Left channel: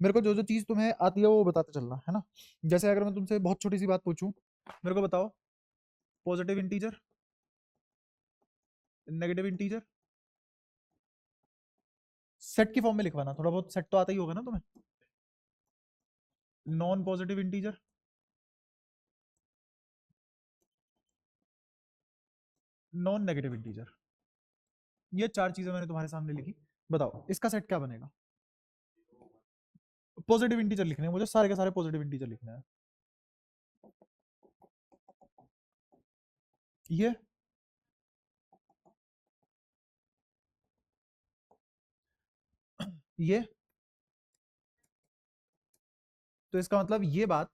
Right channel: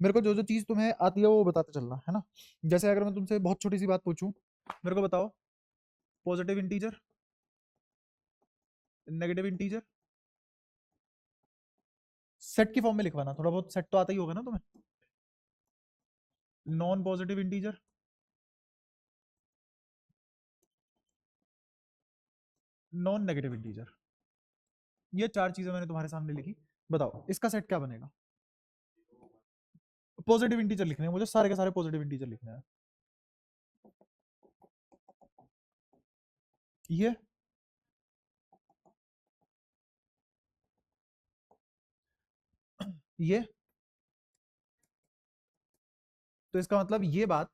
मेरे को जो जो चीज तुम्हें आती है वो बताते चलना है ना। जैसे अगर मैं तुमसे बहुत छोटी सी बात पूछूं, मेरे को बताओ positive integer, negative integer, set की फॉर्म में लिखवाना, थोड़ा बहुत सेट तो आता ही होगा ना तुम्हें। Non positive integer, non negative integer, ये चार चीजें मैंने तुम्हारे सामने लिखी। बताओ इसका सेट क्या बनेगा। पॉजिटिव इंटीजर लिखने हैं मुझे, सारे के सारे पॉजिटिव इंटीजर लिखने हैं। ये ये तो इसका मतलब ये बात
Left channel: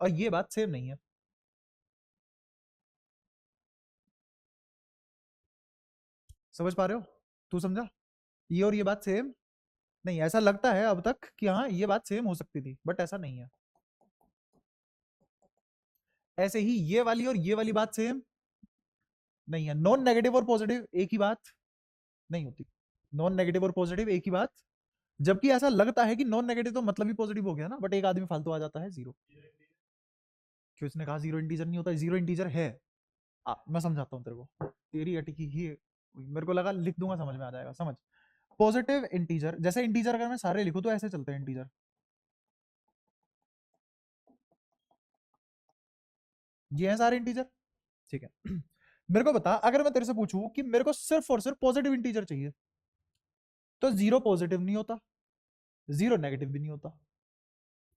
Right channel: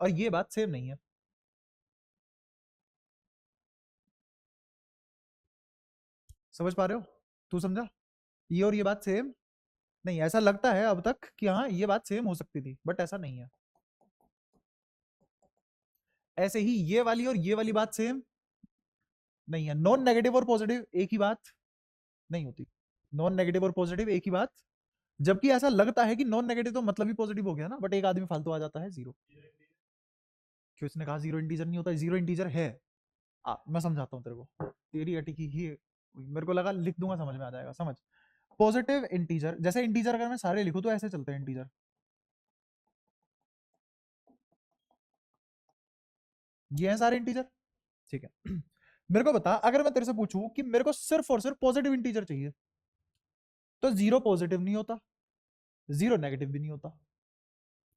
और ये बात सेम नहीं है। समझ पा रहे हो? तू समझा? ये और ये बात सेम नहीं, ऐसा लगता है अब तक कि हाँ ये बात सेम हो सकती थी, बट ऐसा नहीं है। ऐसे ही ये वाली और ये वाली बात सेम नहीं है। नॉन नेगेटिव और पॉजिटिव एक ही बात नहीं होती। नॉन नेगेटिव और पॉजिटिव एक ही बात, जबकि ऐसा लगता है कि नॉन नेगेटिव तो मतलब ही पॉजिटिव हो गया ना, बट एक आदमी फालतू आ जाता है जीरो। क्यों उसने कहा जीरो इंटीजर नहीं होता? जीरो इंटीजर है। मैं समझाता हूँ तेरे को, तेरी अटी की ही मेरे को लगा लिख दूंगा समझ में आ जाएगा। समझ, पॉजिटिव इंटीजर, जैसे इंटीजर अगर मैं सारे लिखूं तो ऐसे चलते हैं इंटीजर, ये है सारे इंटीजर, ठीक है। मेरे को बता, अगर मैं तेरे से पूछूं कि मेरे को सिर्फ और सिर्फ पॉजिटिव इंटीजर चाहिए, तो जीरो पॉजिटिव नहीं होता, जीरो नेगेटिव भी नहीं होता,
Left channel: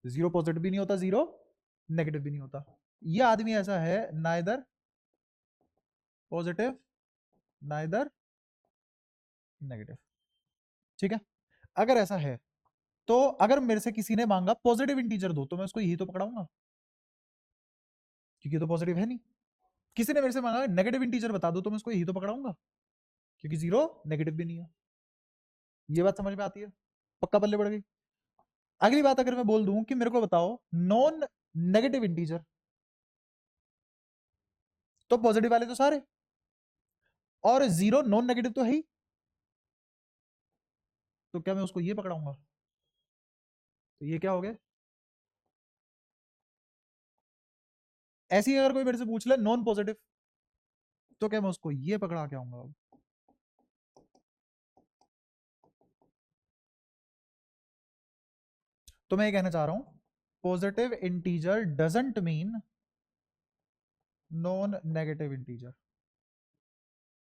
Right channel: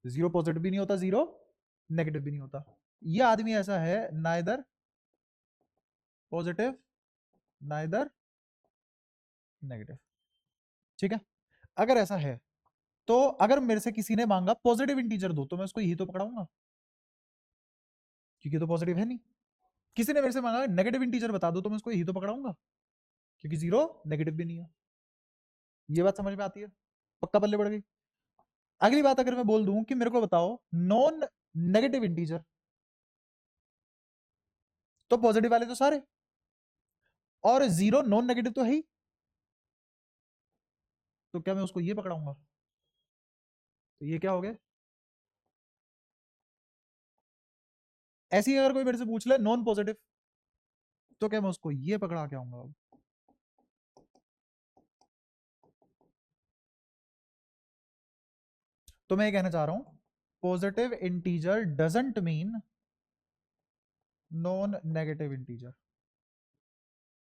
जीरो पॉजिटिव भी नहीं होता, जीरो नेगेटिव भी नहीं होता। ये आदमी ऐसा है, नाइदर पॉजिटिव नाइदर नेगेटिव, ठीक है। अगर ऐसा है तो अगर मेरे से किसी ने मांगा पॉजिटिव इंटीजर दो, तो मैं उसको यही तो पकड़ाऊंगा, क्योंकि तो पॉजिटिव है नहीं। किसी ने मेरे से मांगा नेगेटिव इंटीजर बता दो, तो मैं उसको यही तो पकड़ाऊंगा, क्योंकि जीरो नेगेटिव भी नहीं है। ये बात समझ में आती है? पक्का पल्ले पड़ गई। अगली बात अगर मैं बोल दूं कि मेरे को बताओ नॉन नेगेटिव इंटीजर, तो पॉजिटिव वाले तो सारे, और जीरो नॉन नेगेटिव तो है ही, तो क्या मैं उसको ये पकड़ाऊंगा? तो ये क्या हो गया? ऐसे ही अगर कोई मेरे से पूछ ले नॉन पॉजिटिव, तो क्या मैं उसको ये पकड़ा के आऊंगा? तो मैं ये कहना चाह रहा हूं, positive integer doesn't mean non negative integer,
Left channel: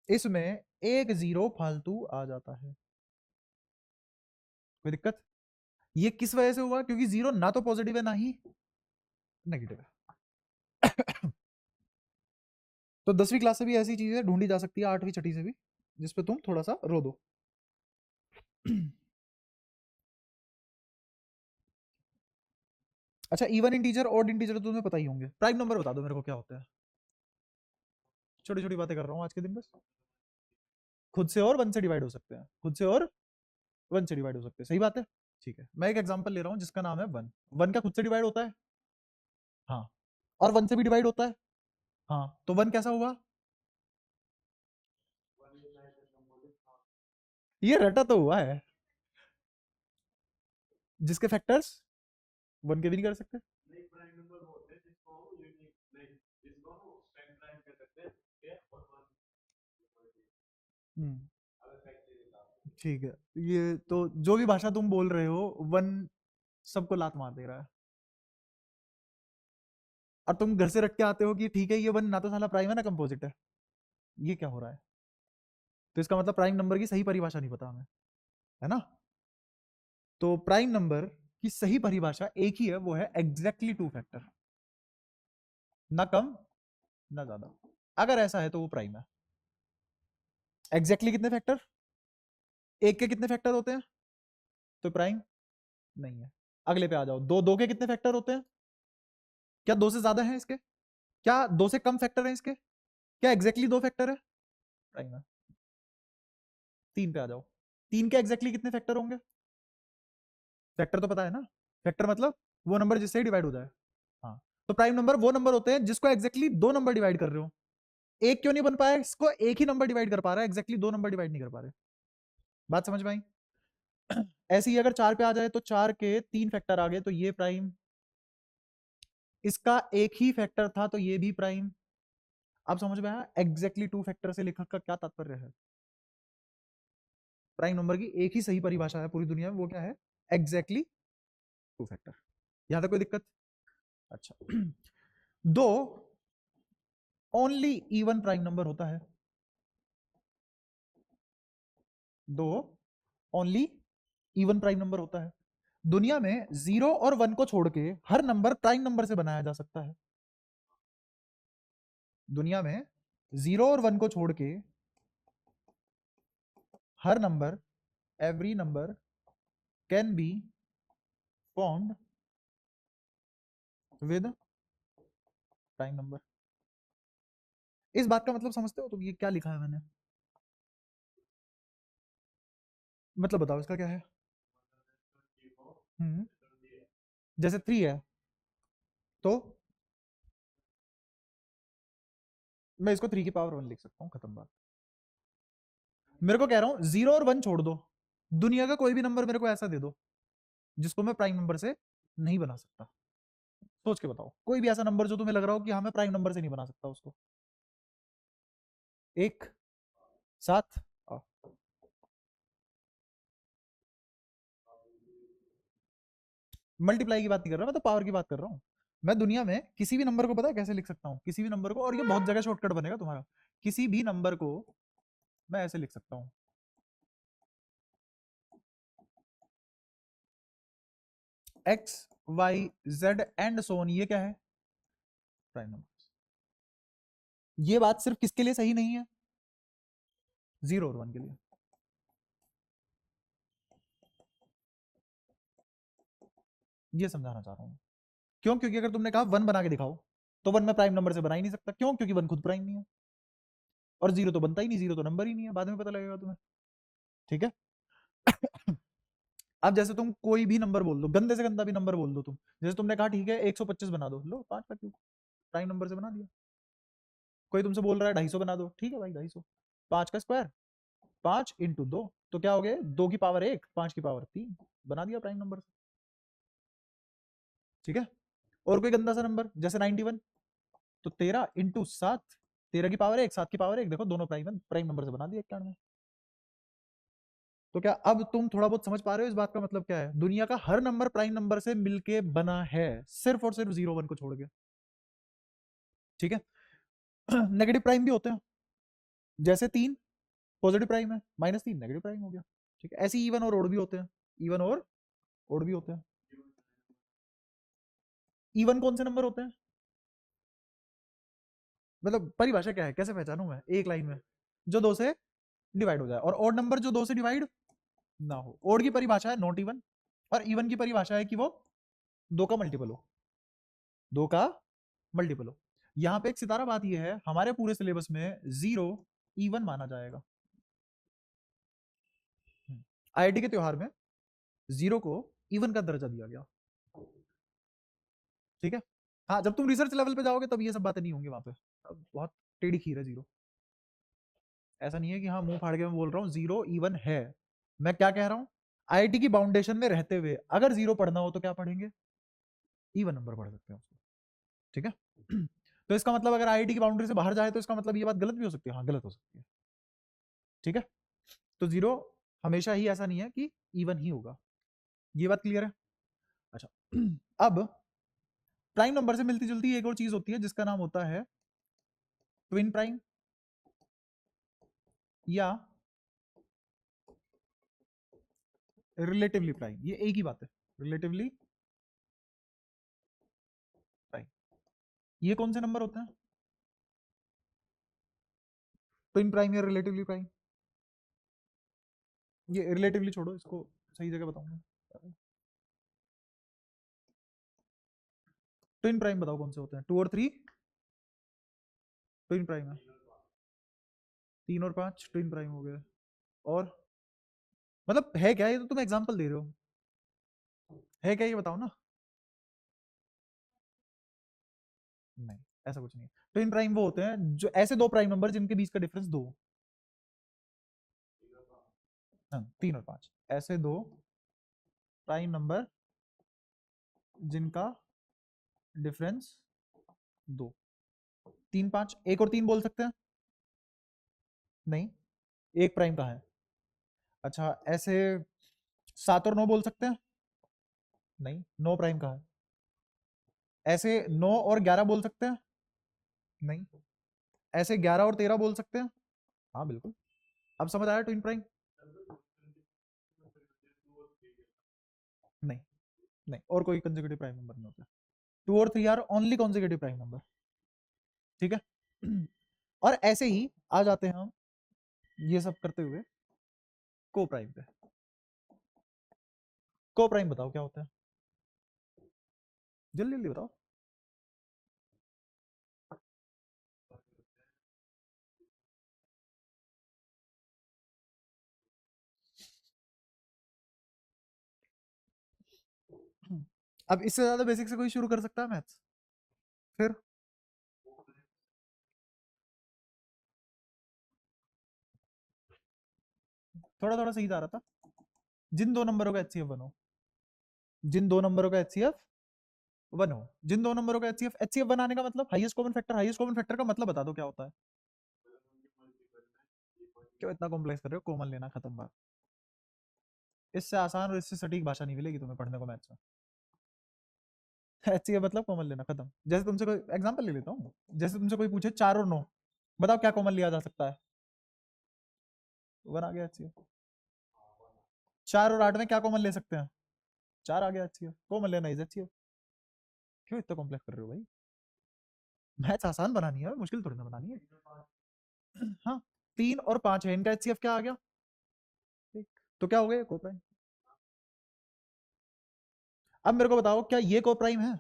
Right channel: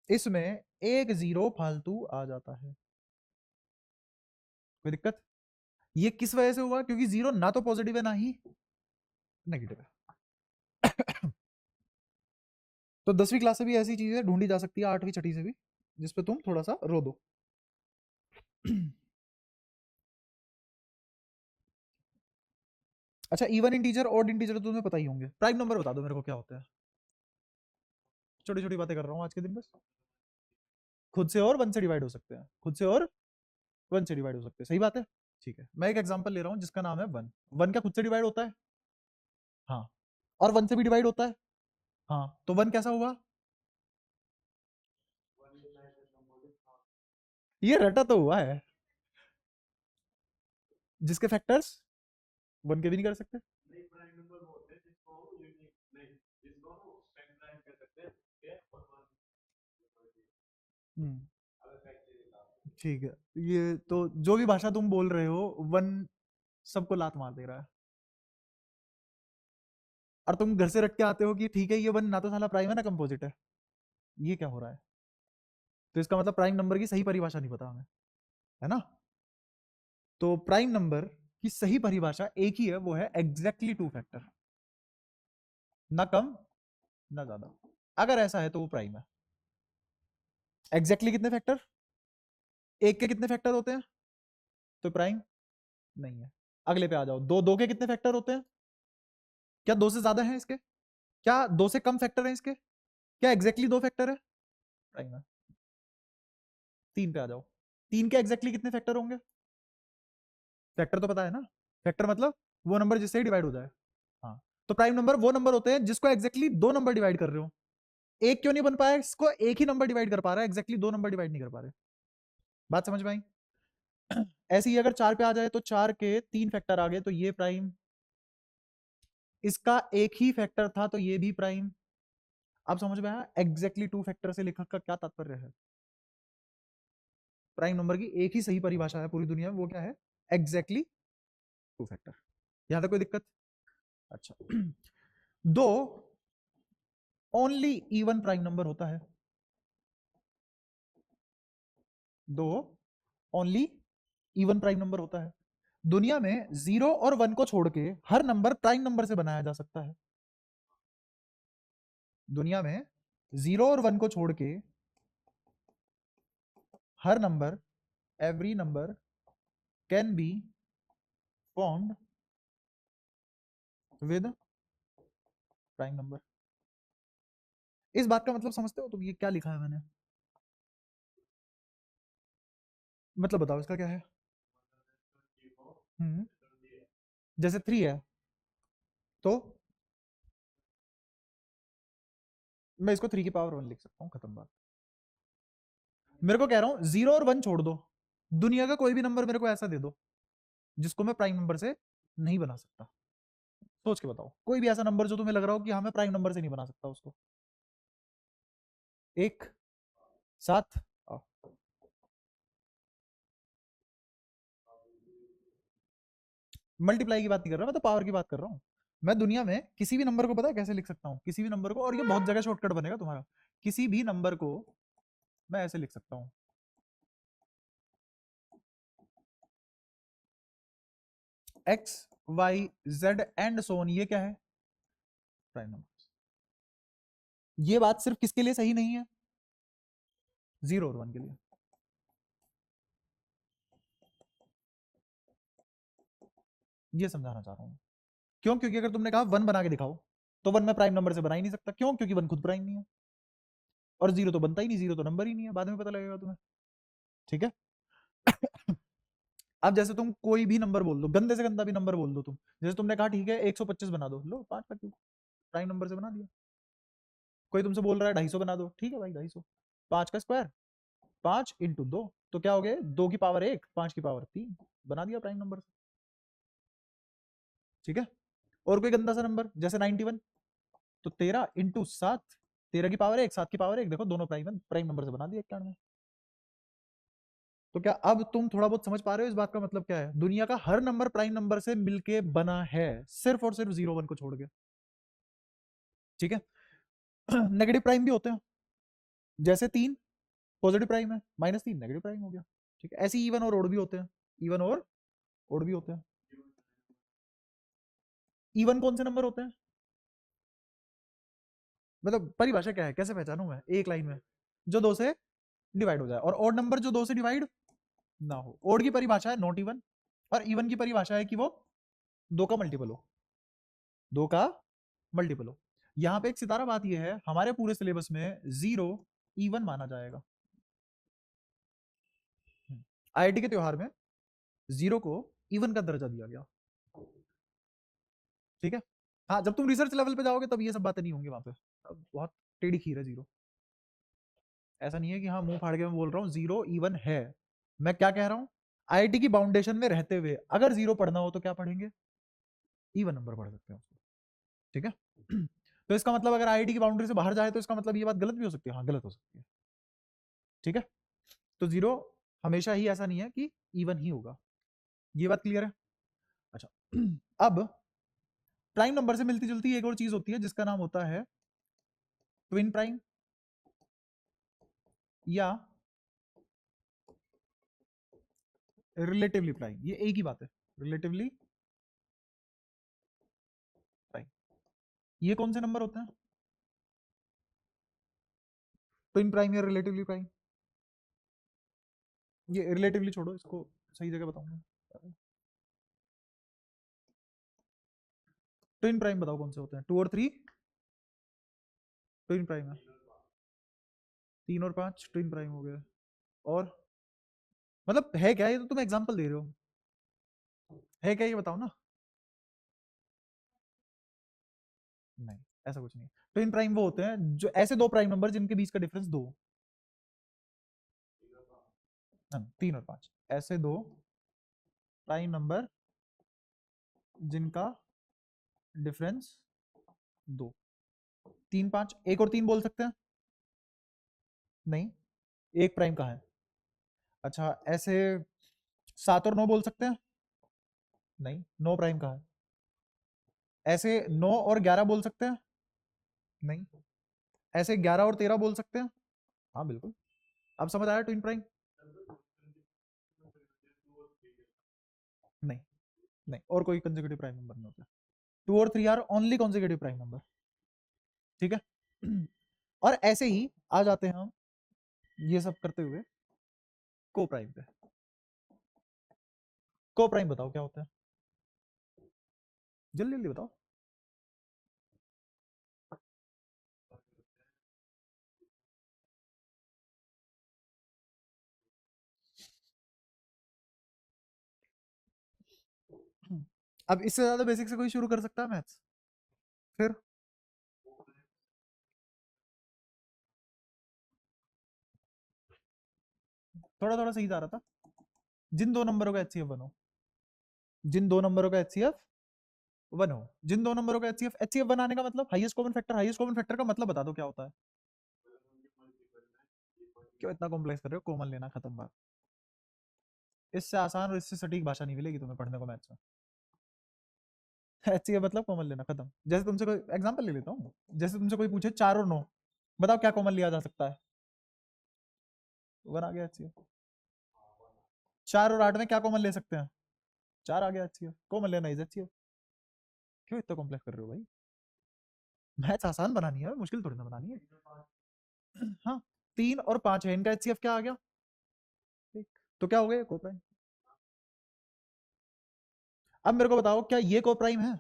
इसमें एक जीरो फालतू आ जाता है। कोई दिक्कत? ये किस वजह से हुआ? क्योंकि जीरो ना तो पॉजिटिव है ना ही नेगेटिव है। तो 10वीं क्लास से भी ऐसी चीजें ढूंढी जा सकती है, 8वीं छठी से भी, जिसपे तुम थोड़ा सा रो दो। अच्छा, इवन इंटीजर ऑड इंटीजर तो तुम्हें पता ही होंगे। प्राइम नंबर बता दो मेरे को क्या होता है। छोटी छोटी बातें कर रहा हूँ आज के दिन बस। खुद से और वन से डिवाइड हो सकते हैं, खुद से और वन से डिवाइड हो सकते हैं, सही बात है। ठीक है, मैं एक एग्जांपल ले रहा हूँ जिसका नाम है वन। वन क्या खुद से डिवाइड होता है? हाँ। और वन से भी डिवाइड होता है? हाँ। तो वन कैसा हुआ? ये रटा तो हुआ है, जिसके फैक्टर्स वन के भी नहीं कर सकते। हम्म, ठीक है। ये तो जो भी भाषा तुम बोल रहे हो, वन सबको लात मार दे रहा है। और तुम घर से रख के आते हो कि ठीक है ये वन ना तो साला प्राइम है ना कंपोजिट है। ये क्या हो रहा है? तो इसका मतलब प्राइम नंबर की सही परिभाषा नहीं पता हमें, है ना। तो प्राइम नंबर की सही परिभाषा एक ही है, वो है एग्जैक्टली टू फैक्टर, ना कम ना ज्यादा। अगर ऐसा है तो वो प्राइम है। एग्जैक्टली कितने फैक्टर? एक के कितने फैक्टर होते हैं? तो प्राइम नहीं है। अगले पे आ जाओ, दो, दो के कितने फैक्टर होते हैं? क्या दो से ज्यादा है इसके? क्या दो से कम फैक्टर है इसके? क्या एग्जैक्टली दो फैक्टर है? प्राइम है। तीन पे आ जाओ, तीन के एग्जैक्टली कितने फैक्टर होंगे? फैक्टर तो पता है ना, फैक्टर मतलब वो नंबर जिससे डिवाइड हो जाए। हाँ। तो प्राइम नंबर वो नंबर होते हैं जिसको एग्जैक्टली दो नंबर डिवाइड कर रहे हो। एक क्यों नहीं बन पाया? इसको एक ही नंबर डिवाइड कर पा रहा है, एग्जैक्टली दो नंबर डिवाइड नहीं कर पा रहे। बात समझ में आई? ऐसे ही अगर 4 पे आ जाए तो 4 के 3 फैक्टर आ गए तो ये प्राइम, इसका एक ही फैक्टर था तो ये भी प्राइम। अब समझ में आया एग्जैक्टली 2 फैक्टर से लिखने का क्या तात्पर्य है? प्राइम नंबर की एक ही सही परिभाषा है पूरी दुनिया में, वो क्या है? Exactly 2 factor. यहां तक कोई दिक्कत? अच्छा दो ओनली इवन प्राइम नंबर होता है, दो ओनली इवन प्राइम नंबर होता है। दुनिया में 0 और 1 को छोड़ के हर नंबर प्राइम नंबर से बनाया जा सकता है। दुनिया में 0 और 1 को छोड़ के हर number, every number can be formed with prime number. इस बात का मतलब समझते हो तुम? ये क्या लिखा है मैंने, मतलब बताओ इसका क्या है? हम्म जैसे 3 है तो मैं इसको 3 की पावर 1 लिख सकता हूँ, खत्म बात। मेरे को कह रहा हूँ 0 और 1 छोड़ दो, दुनिया का कोई भी नंबर मेरे को ऐसा दे दो जिसको मैं प्राइम नंबर से नहीं बना सकता। सोच के बताओ कोई भी ऐसा नंबर जो तुम्हें लग रहा हो कि हाँ मैं प्राइम नंबर से नहीं बना सकता उसको। एक साथ मल्टीप्लाई की बात नहीं कर रहा, मैं तो पावर की बात कर रहा हूँ। मैं दुनिया में किसी भी नंबर को पता है कैसे लिख सकता हूँ? किसी भी नंबर को, और ये बहुत जगह शॉर्टकट बनेगा तुम्हारा, किसी भी नंबर को मैं ऐसे लिख सकता हूँ, एक्स वाई जेड एंड सोन। ये क्या है? Prime number. ये बात सिर्फ किसके लिए सही नहीं है? 0 और 1 के लिए। ये समझाना चाह रहा हूँ। क्यों? क्योंकि अगर तुमने कहा 1 बना के दिखाओ तो 1 मैं प्राइम नंबर से बना ही नहीं सकता। क्यों? क्योंकि 1 खुद प्राइम नहीं है, और 0 तो बनता ही नहीं, 0 तो नंबर ही नहीं है, बाद में पता लगेगा तुम्हें। ठीक है अब जैसे तुम कोई भी नंबर बोल दो, गंदे से गंदा भी नंबर बोल दो तुम, जैसे तुमने कहा ठीक है 125 बना दो, लो 5 का क्यों, प्राइम नंबर से बना दिया। कोई तुमसे बोल रहा है 250 बना दो, ठीक है भाई 250, 5 का स्क्वायर, 5 इंटू 2, तो क्या हो गया? 2 की पावर 1, 5 की पावर 3, बना दिया प्राइम नंबर से। ठीक है। और कोई गंदा सा नंबर जैसे 91, तो 13 इंटू 7, 13 की पावर 1, 7 की पावर 1, देखो दोनों प्राइम प्राइम नंबर से बना दिया 91। तो क्या अब तुम थोड़ा बहुत समझ पा रहे हो इस बात का मतलब क्या है? दुनिया का हर नंबर प्राइम नंबर से मिलके बना है, सिर्फ और सिर्फ 0 1 को छोड़ के। ठीक है नेगेटिव प्राइम भी होते हैं, जैसे 3 पॉजिटिव प्राइम है, -3 नेगेटिव प्राइम हो गया। ठीक है, ऐसे इवन और ओड भी होते हैं, इवन और ओड भी होते हैं। इवन कौन से नंबर होते हैं? मतलब परिभाषा क्या है, कैसे पहचानूं मैं एक लाइन में? जो 2 से डिवाइड हो जाए, और ओड नंबर जो 2 से डिवाइड ना हो। ओड की परिभाषा है नॉट इवन, और इवन की परिभाषा है कि वो 2 का मल्टीपल हो, 2 का मल्टीपल हो। यहाँ पे एक सितारा बात ये है, हमारे पूरे सिलेबस में 0 इवन माना जाएगा। आईआईटी के त्योहार में 0 को इवन का दर्जा दिया गया। ठीक है। हाँ जब तुम रिसर्च लेवल पे जाओगे तब ये सब बातें नहीं होंगी वहां पे, बहुत टेढ़ी खीर है 0। ऐसा नहीं है कि हाँ मुंह फाड़ के मैं बोल रहा हूँ 0 इवन है। मैं क्या कह रहा हूँ, आईआईटी की बाउंडेशन में रहते हुए अगर 0 पढ़ना हो तो क्या पढ़ेंगे? इवन नंबर पढ़ सकते हो। ठीक है तो इसका मतलब अगर आईआईटी की बाउंड्री से बाहर जाए तो इसका मतलब ये बात गलत भी हो सकती है, हाँ गलत हो सकती है। ठीक है, तो 0 हमेशा ही ऐसा नहीं है कि इवन ही होगा, ये बात क्लियर है? अच्छा अब प्राइम नंबर से मिलती जुलती एक और चीज होती है जिसका नाम होता है ट्विन प्राइम, या रिलेटिवली प्राइम। ये एक ही बात है, रिलेटिवली प्राइम। ये कौन से नंबर होते हैं? ट्विन प्राइम या रिलेटिवली प्राइम? ये रिलेटिवली छोड़ो, इसको सही जगह बताऊंगा। ट्विन प्राइम बताओ कौन से होते हैं? 2 और 3 ट्विन प्राइम है, 3 और 5 ट्विन प्राइम हो गया। और मतलब है क्या? ये तो तुम एग्जांपल दे रहे हो, है क्या ये बताओ ना। नहीं, ऐसा कुछ नहीं। ट्विन प्राइम वो होते हैं जो ऐसे दो प्राइम नंबर जिनके बीच का डिफरेंस 2, 3 और 5, ऐसे दो प्राइम नंबर जिनका डिफरेंस 2। 3 5 एक और 3 बोल सकते हैं? नहीं, एक प्राइम का है। अच्छा, ऐसे 7 और 9 बोल सकते हैं? नहीं, 9 प्राइम का है। ऐसे 9 और 11 बोल सकते हैं? नहीं। ऐसे 11 और 13 बोल सकते हैं? हाँ बिल्कुल। अब समझ आया ट्विन प्राइम? नहीं, नहीं और कोई कंसेक्यूटिव प्राइम नंबर नहीं होता। 2 और 3 are only consecutive prime number. ठीक है। और ऐसे ही आ जाते हैं हम ये सब करते हुए को प्राइम पे। को प्राइम बताओ क्या होता है? जल्दी जल्दी बताओ। अब इससे ज्यादा बेसिक से कोई शुरू कर सकता है मैथ्स? फिर थोड़ा थोड़ा सही जा रहा था। जिन दो नंबरों का एचसीएफ बनो, जिन दो नंबरों का एचसीएफ वन हो, जिन दो नंबरों का एचसीएफ एचसीएफ बनाने का मतलब highest common factor, highest common factor का मतलब बता दो क्या होता है? क्यों इतना कॉम्प्लेक्स कर रहे हो? कॉमन लेना, खत्म बात। इससे आसान और इससे सटीक भाषा नहीं मिलेगी तुम्हें पढ़ने को मैथ्स में। एचसीएफ मतलब कॉमन लेना, खत्म। जैसे तुमसे कोई एग्जांपल ले लेता हूँ, जैसे तुमसे कोई पूछे 4 और 9, बताओ क्या कॉमन लिया जा सकता है? वन आ गया एचसीएफ। 4 और 8 में क्या कॉमन ले सकते हैं? 4 आ गया एचसीएफ। कॉमन लेना इज एचसीएफ। क्यों इतना कॉम्प्लेक्स कर रहे हो भाई? मैथ्स आसान बनानी है, मुश्किल थोड़ी ना बनानी है। हाँ, 3 और 5 है, इनका एचसीएफ क्या आ गया? एक। तो क्या हो गया? कोप्राइम। अब मेरे को बताओ क्या ये कोप्राइम है?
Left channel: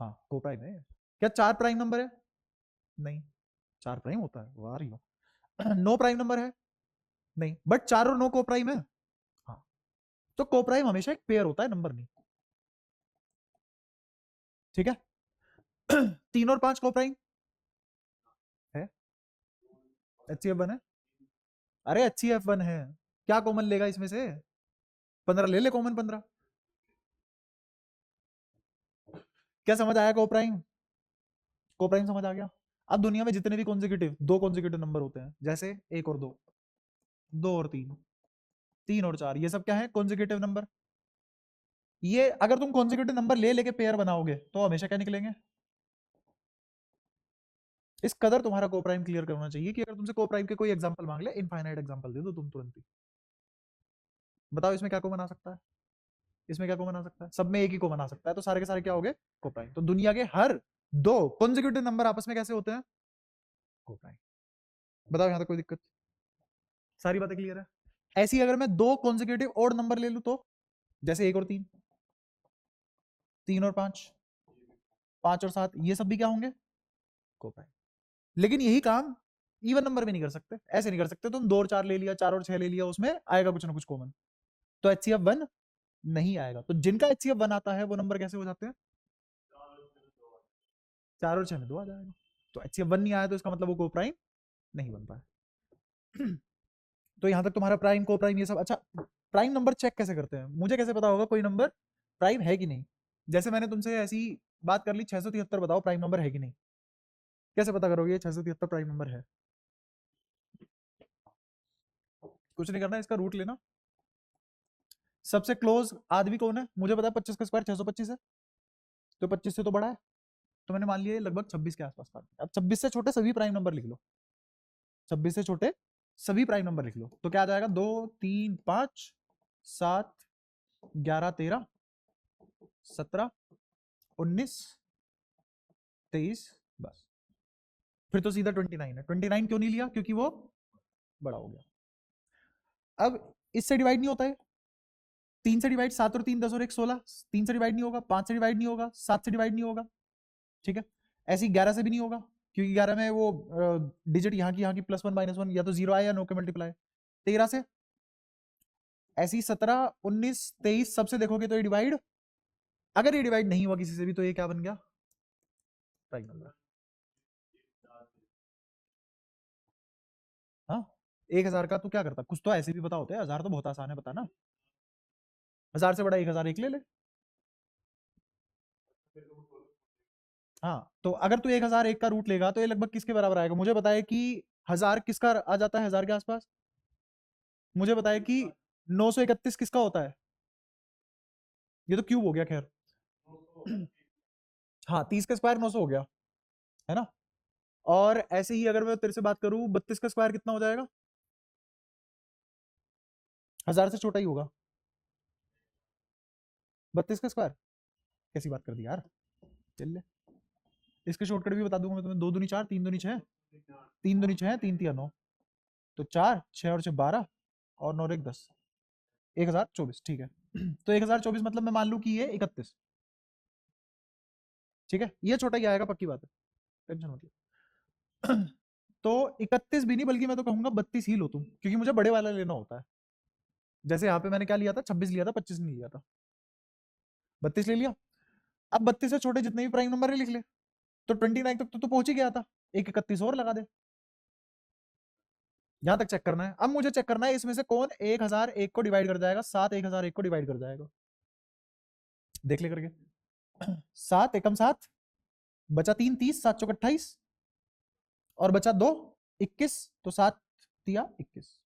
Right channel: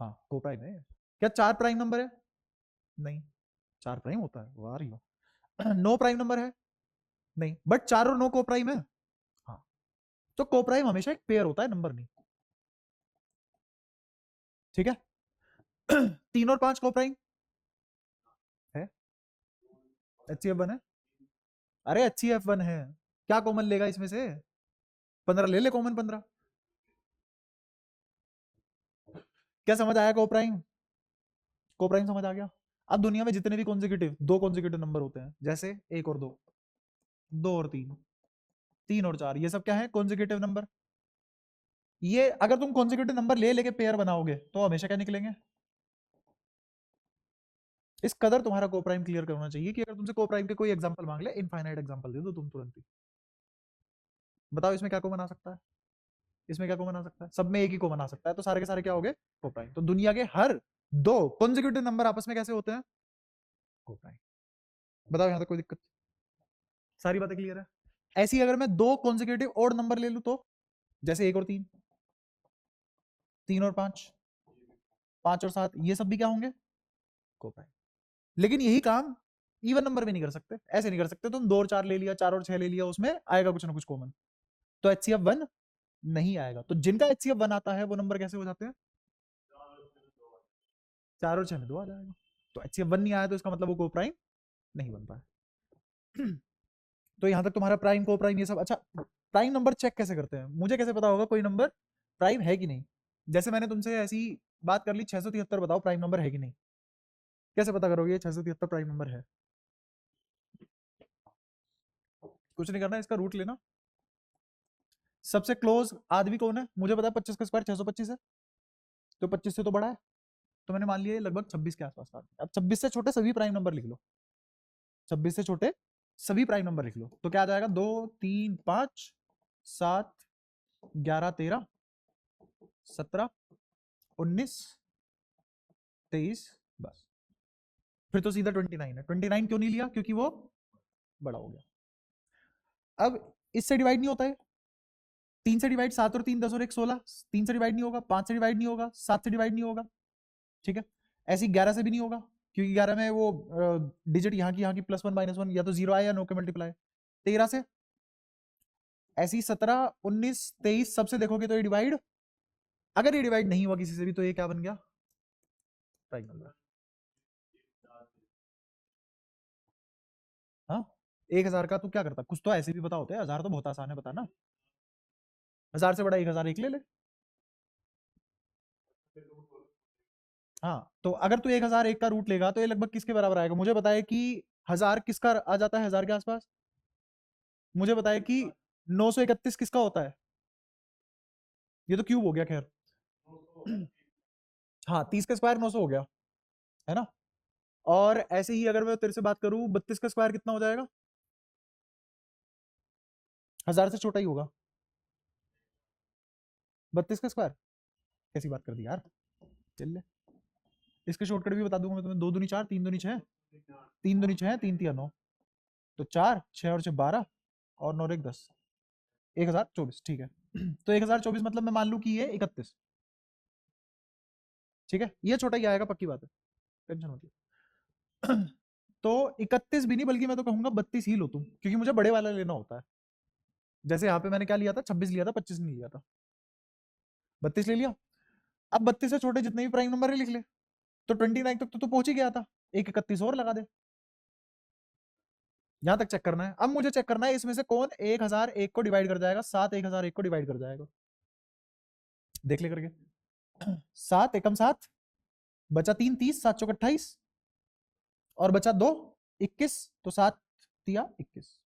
हाँ कोप्राइम है। क्या 4 प्राइम नंबर है? नहीं। 4 प्राइम होता है? वाह रे वाह। 9 प्राइम नंबर है? नहीं, बट 4 और 9 कोप्राइम है। हाँ। तो कोप्राइम हमेशा एक पेयर होता है, नंबर नहीं। ठीक है। 3 और 5 कोप्राइम है? एचसीएफ वन है? अरे एचसीएफ वन है। क्या कॉमन लेगा इसमें से? 15 ले ले कॉमन, 15। क्या समझ आया कोप्राइम? कोप्राइम समझ आ गया? अब दुनिया में जितने भी कॉन्जिक्यूटिव दो कॉन्जिक्यूटिव नंबर होते हैं, जैसे 1 और 2, 2 और 3, 3 और 4, ये सब क्या है? Consecutive number. ये अगर तुम कॉन्जिक्यूटिव नंबर ले लेके पेयर बनाओगे तो हमेशा क्या निकलेंगे? इस कदर तुम्हारा कोप्राइम क्लियर करना चाहिए कि अगर तुमसे कोप्राइम के कोई एग्जांपल मांग ले, इनफाइनाइट एग्जांपल दे दो तुम तुरंत ही। बताओ इसमें क्या कॉमन आ सकता है? इसमें क्या कॉमन आ सकता है? सब में एक ही कॉमन आ सकता है, तो सारे के सारे क्या हो गए? कोप्राइम। तो दुनिया के हर दो कॉन्जिक्यूटिव नंबर आपस में कैसे होते हैं? कोप्राइम। बताओ यहाँ तक कोई दिक्कत? सारी बातें क्लियर है? ऐसी अगर मैं दो कॉन्जिक्यूटिव ओड नंबर ले लूं तो, जैसे 1 और 3, 3 और 5, 5 और 7, ये सब भी क्या होंगे? कोप्राइम। लेकिन यही काम इवन नंबर में नहीं कर सकते। ऐसे नहीं कर सकते तुम 2 और 4 ले लिया, 4 और 6 ले लिया, उसमें आएगा कुछ ना कुछ कॉमन, तो एचसीएफ वन नहीं आएगा। तो जिनका एचसीएफ वन आता है वो नंबर कैसे हो जाते हैं? 4 और 6 में 2 आ जाएगा। तो एचसीएफ वन नहीं आया तो इसका मतलब वो को प्राइम नहीं बन पाया। तो यहाँ तक तुम्हारा प्राइम को प्राइम ये सब अच्छा। प्राइम नंबर चेक कैसे करते हैं? मुझे कैसे पता होगा कोई नंबर प्राइम है कि नहीं? जैसे मैंने तुमसे ऐसी बात कर ली, 673 बताओ प्राइम नंबर है कि नहीं? कैसे पता करोगे 673 प्राइम नंबर है? कुछ नहीं करना, इसका रूट लेना। सबसे क्लोज आदमी कौन है? मुझे पता है 25 का स्क्वायर 625 है, तो 25 से तो बड़ा है, तो मैंने मान लिया लगभग 26 के आसपास था। अब 26 से छोटे सभी प्राइम नंबर लिख लो, 26 से छोटे सभी प्राइम नंबर लिख लो, तो क्या आ जाएगा? 2 3 5 7 11 13 19 23, बस। फिर तो सीधा 29 है। 29 क्यों नहीं लिया? क्योंकि वो बड़ा हो गया। अब इससे डिवाइड नहीं होता है। 3 से डिवाइड, 7 और 3 10 और 1 16, 3 से डिवाइड नहीं होगा, 5 से डिवाइड नहीं होगा, 7 से डिवाइड नहीं होगा। ठीक है। ऐसे ही 11 से भी नहीं होगा, क्योंकि 11 में वो डिजिट यहाँ की +1 -1 या तो जीरो आए या नो के मल्टीप्लाई। 13 से, ऐसे ही 17 19 23 सबसे देखोगे तो ये डिवाइड, अगर ये डिवाइड नहीं हुआ किसी से भी तो ये क्या बन गया? Prime number. हाँ, 1000 का तू क्या करता? कुछ तो ऐसे भी पता होता है, 1000 तो बहुत आसान है, पता ना। 1000 से बड़ा 1000 एक ले ले। हाँ, तो अगर तू 1001 का रूट लेगा तो ये लगभग किसके बराबर आएगा? मुझे बताए कि 1000 किसका आ जाता है 1000 के आसपास? मुझे बताया कि 931 किसका होता है? ये तो क्यूब हो गया खैर। हाँ, 30 का स्क्वायर 900 हो गया, है ना? और ऐसे ही अगर मैं तेरे से बात करूं 32 का स्क्वायर कितना हो जाएगा? 1000 से छोटा ही होगा। 32 का स्क्वायर कैसी बात कर दी यार। चल ले, इसके शॉर्टकट भी बता दूंगा मैं तुम्हें। 2 दूनी 4, 3 दूनी 6, 3 दूनी 6, 3 तिया 9, तो 4 6 और 6 12 और 9 1 10, 1024। ठीक है। तो 1024 मतलब मैं मान लूं कि ये 31। ठीक है, ये छोटा ही आएगा, पक्की बात है, टेंशन मत ले। तो 31 भी नहीं, बल्कि मैं तो कहूंगा 32 ही लो तुम, क्योंकि मुझे बड़े वाला लेना होता है। जैसे यहाँ पे मैंने क्या लिया था, 26 लिया था, 25 नहीं लिया था, 32 ले लिया। अब 32 से छोटे जितने भी प्राइम नंबर है लिख ले, तो 29 तक तो पहुंच ही गया था। एक 31 और लगा दे। यहाँ तक चेक करना है। अब मुझे चेक करना है इसमें से कौन 1001 को डिवाइड कर जाएगा, 7 1001 को डिवाइड कर जाएगा। देख ले करके। 7 एकम 7, बचा 3 30, 7 चौक 28, और बचा 2 21, तो 7 तिया 21।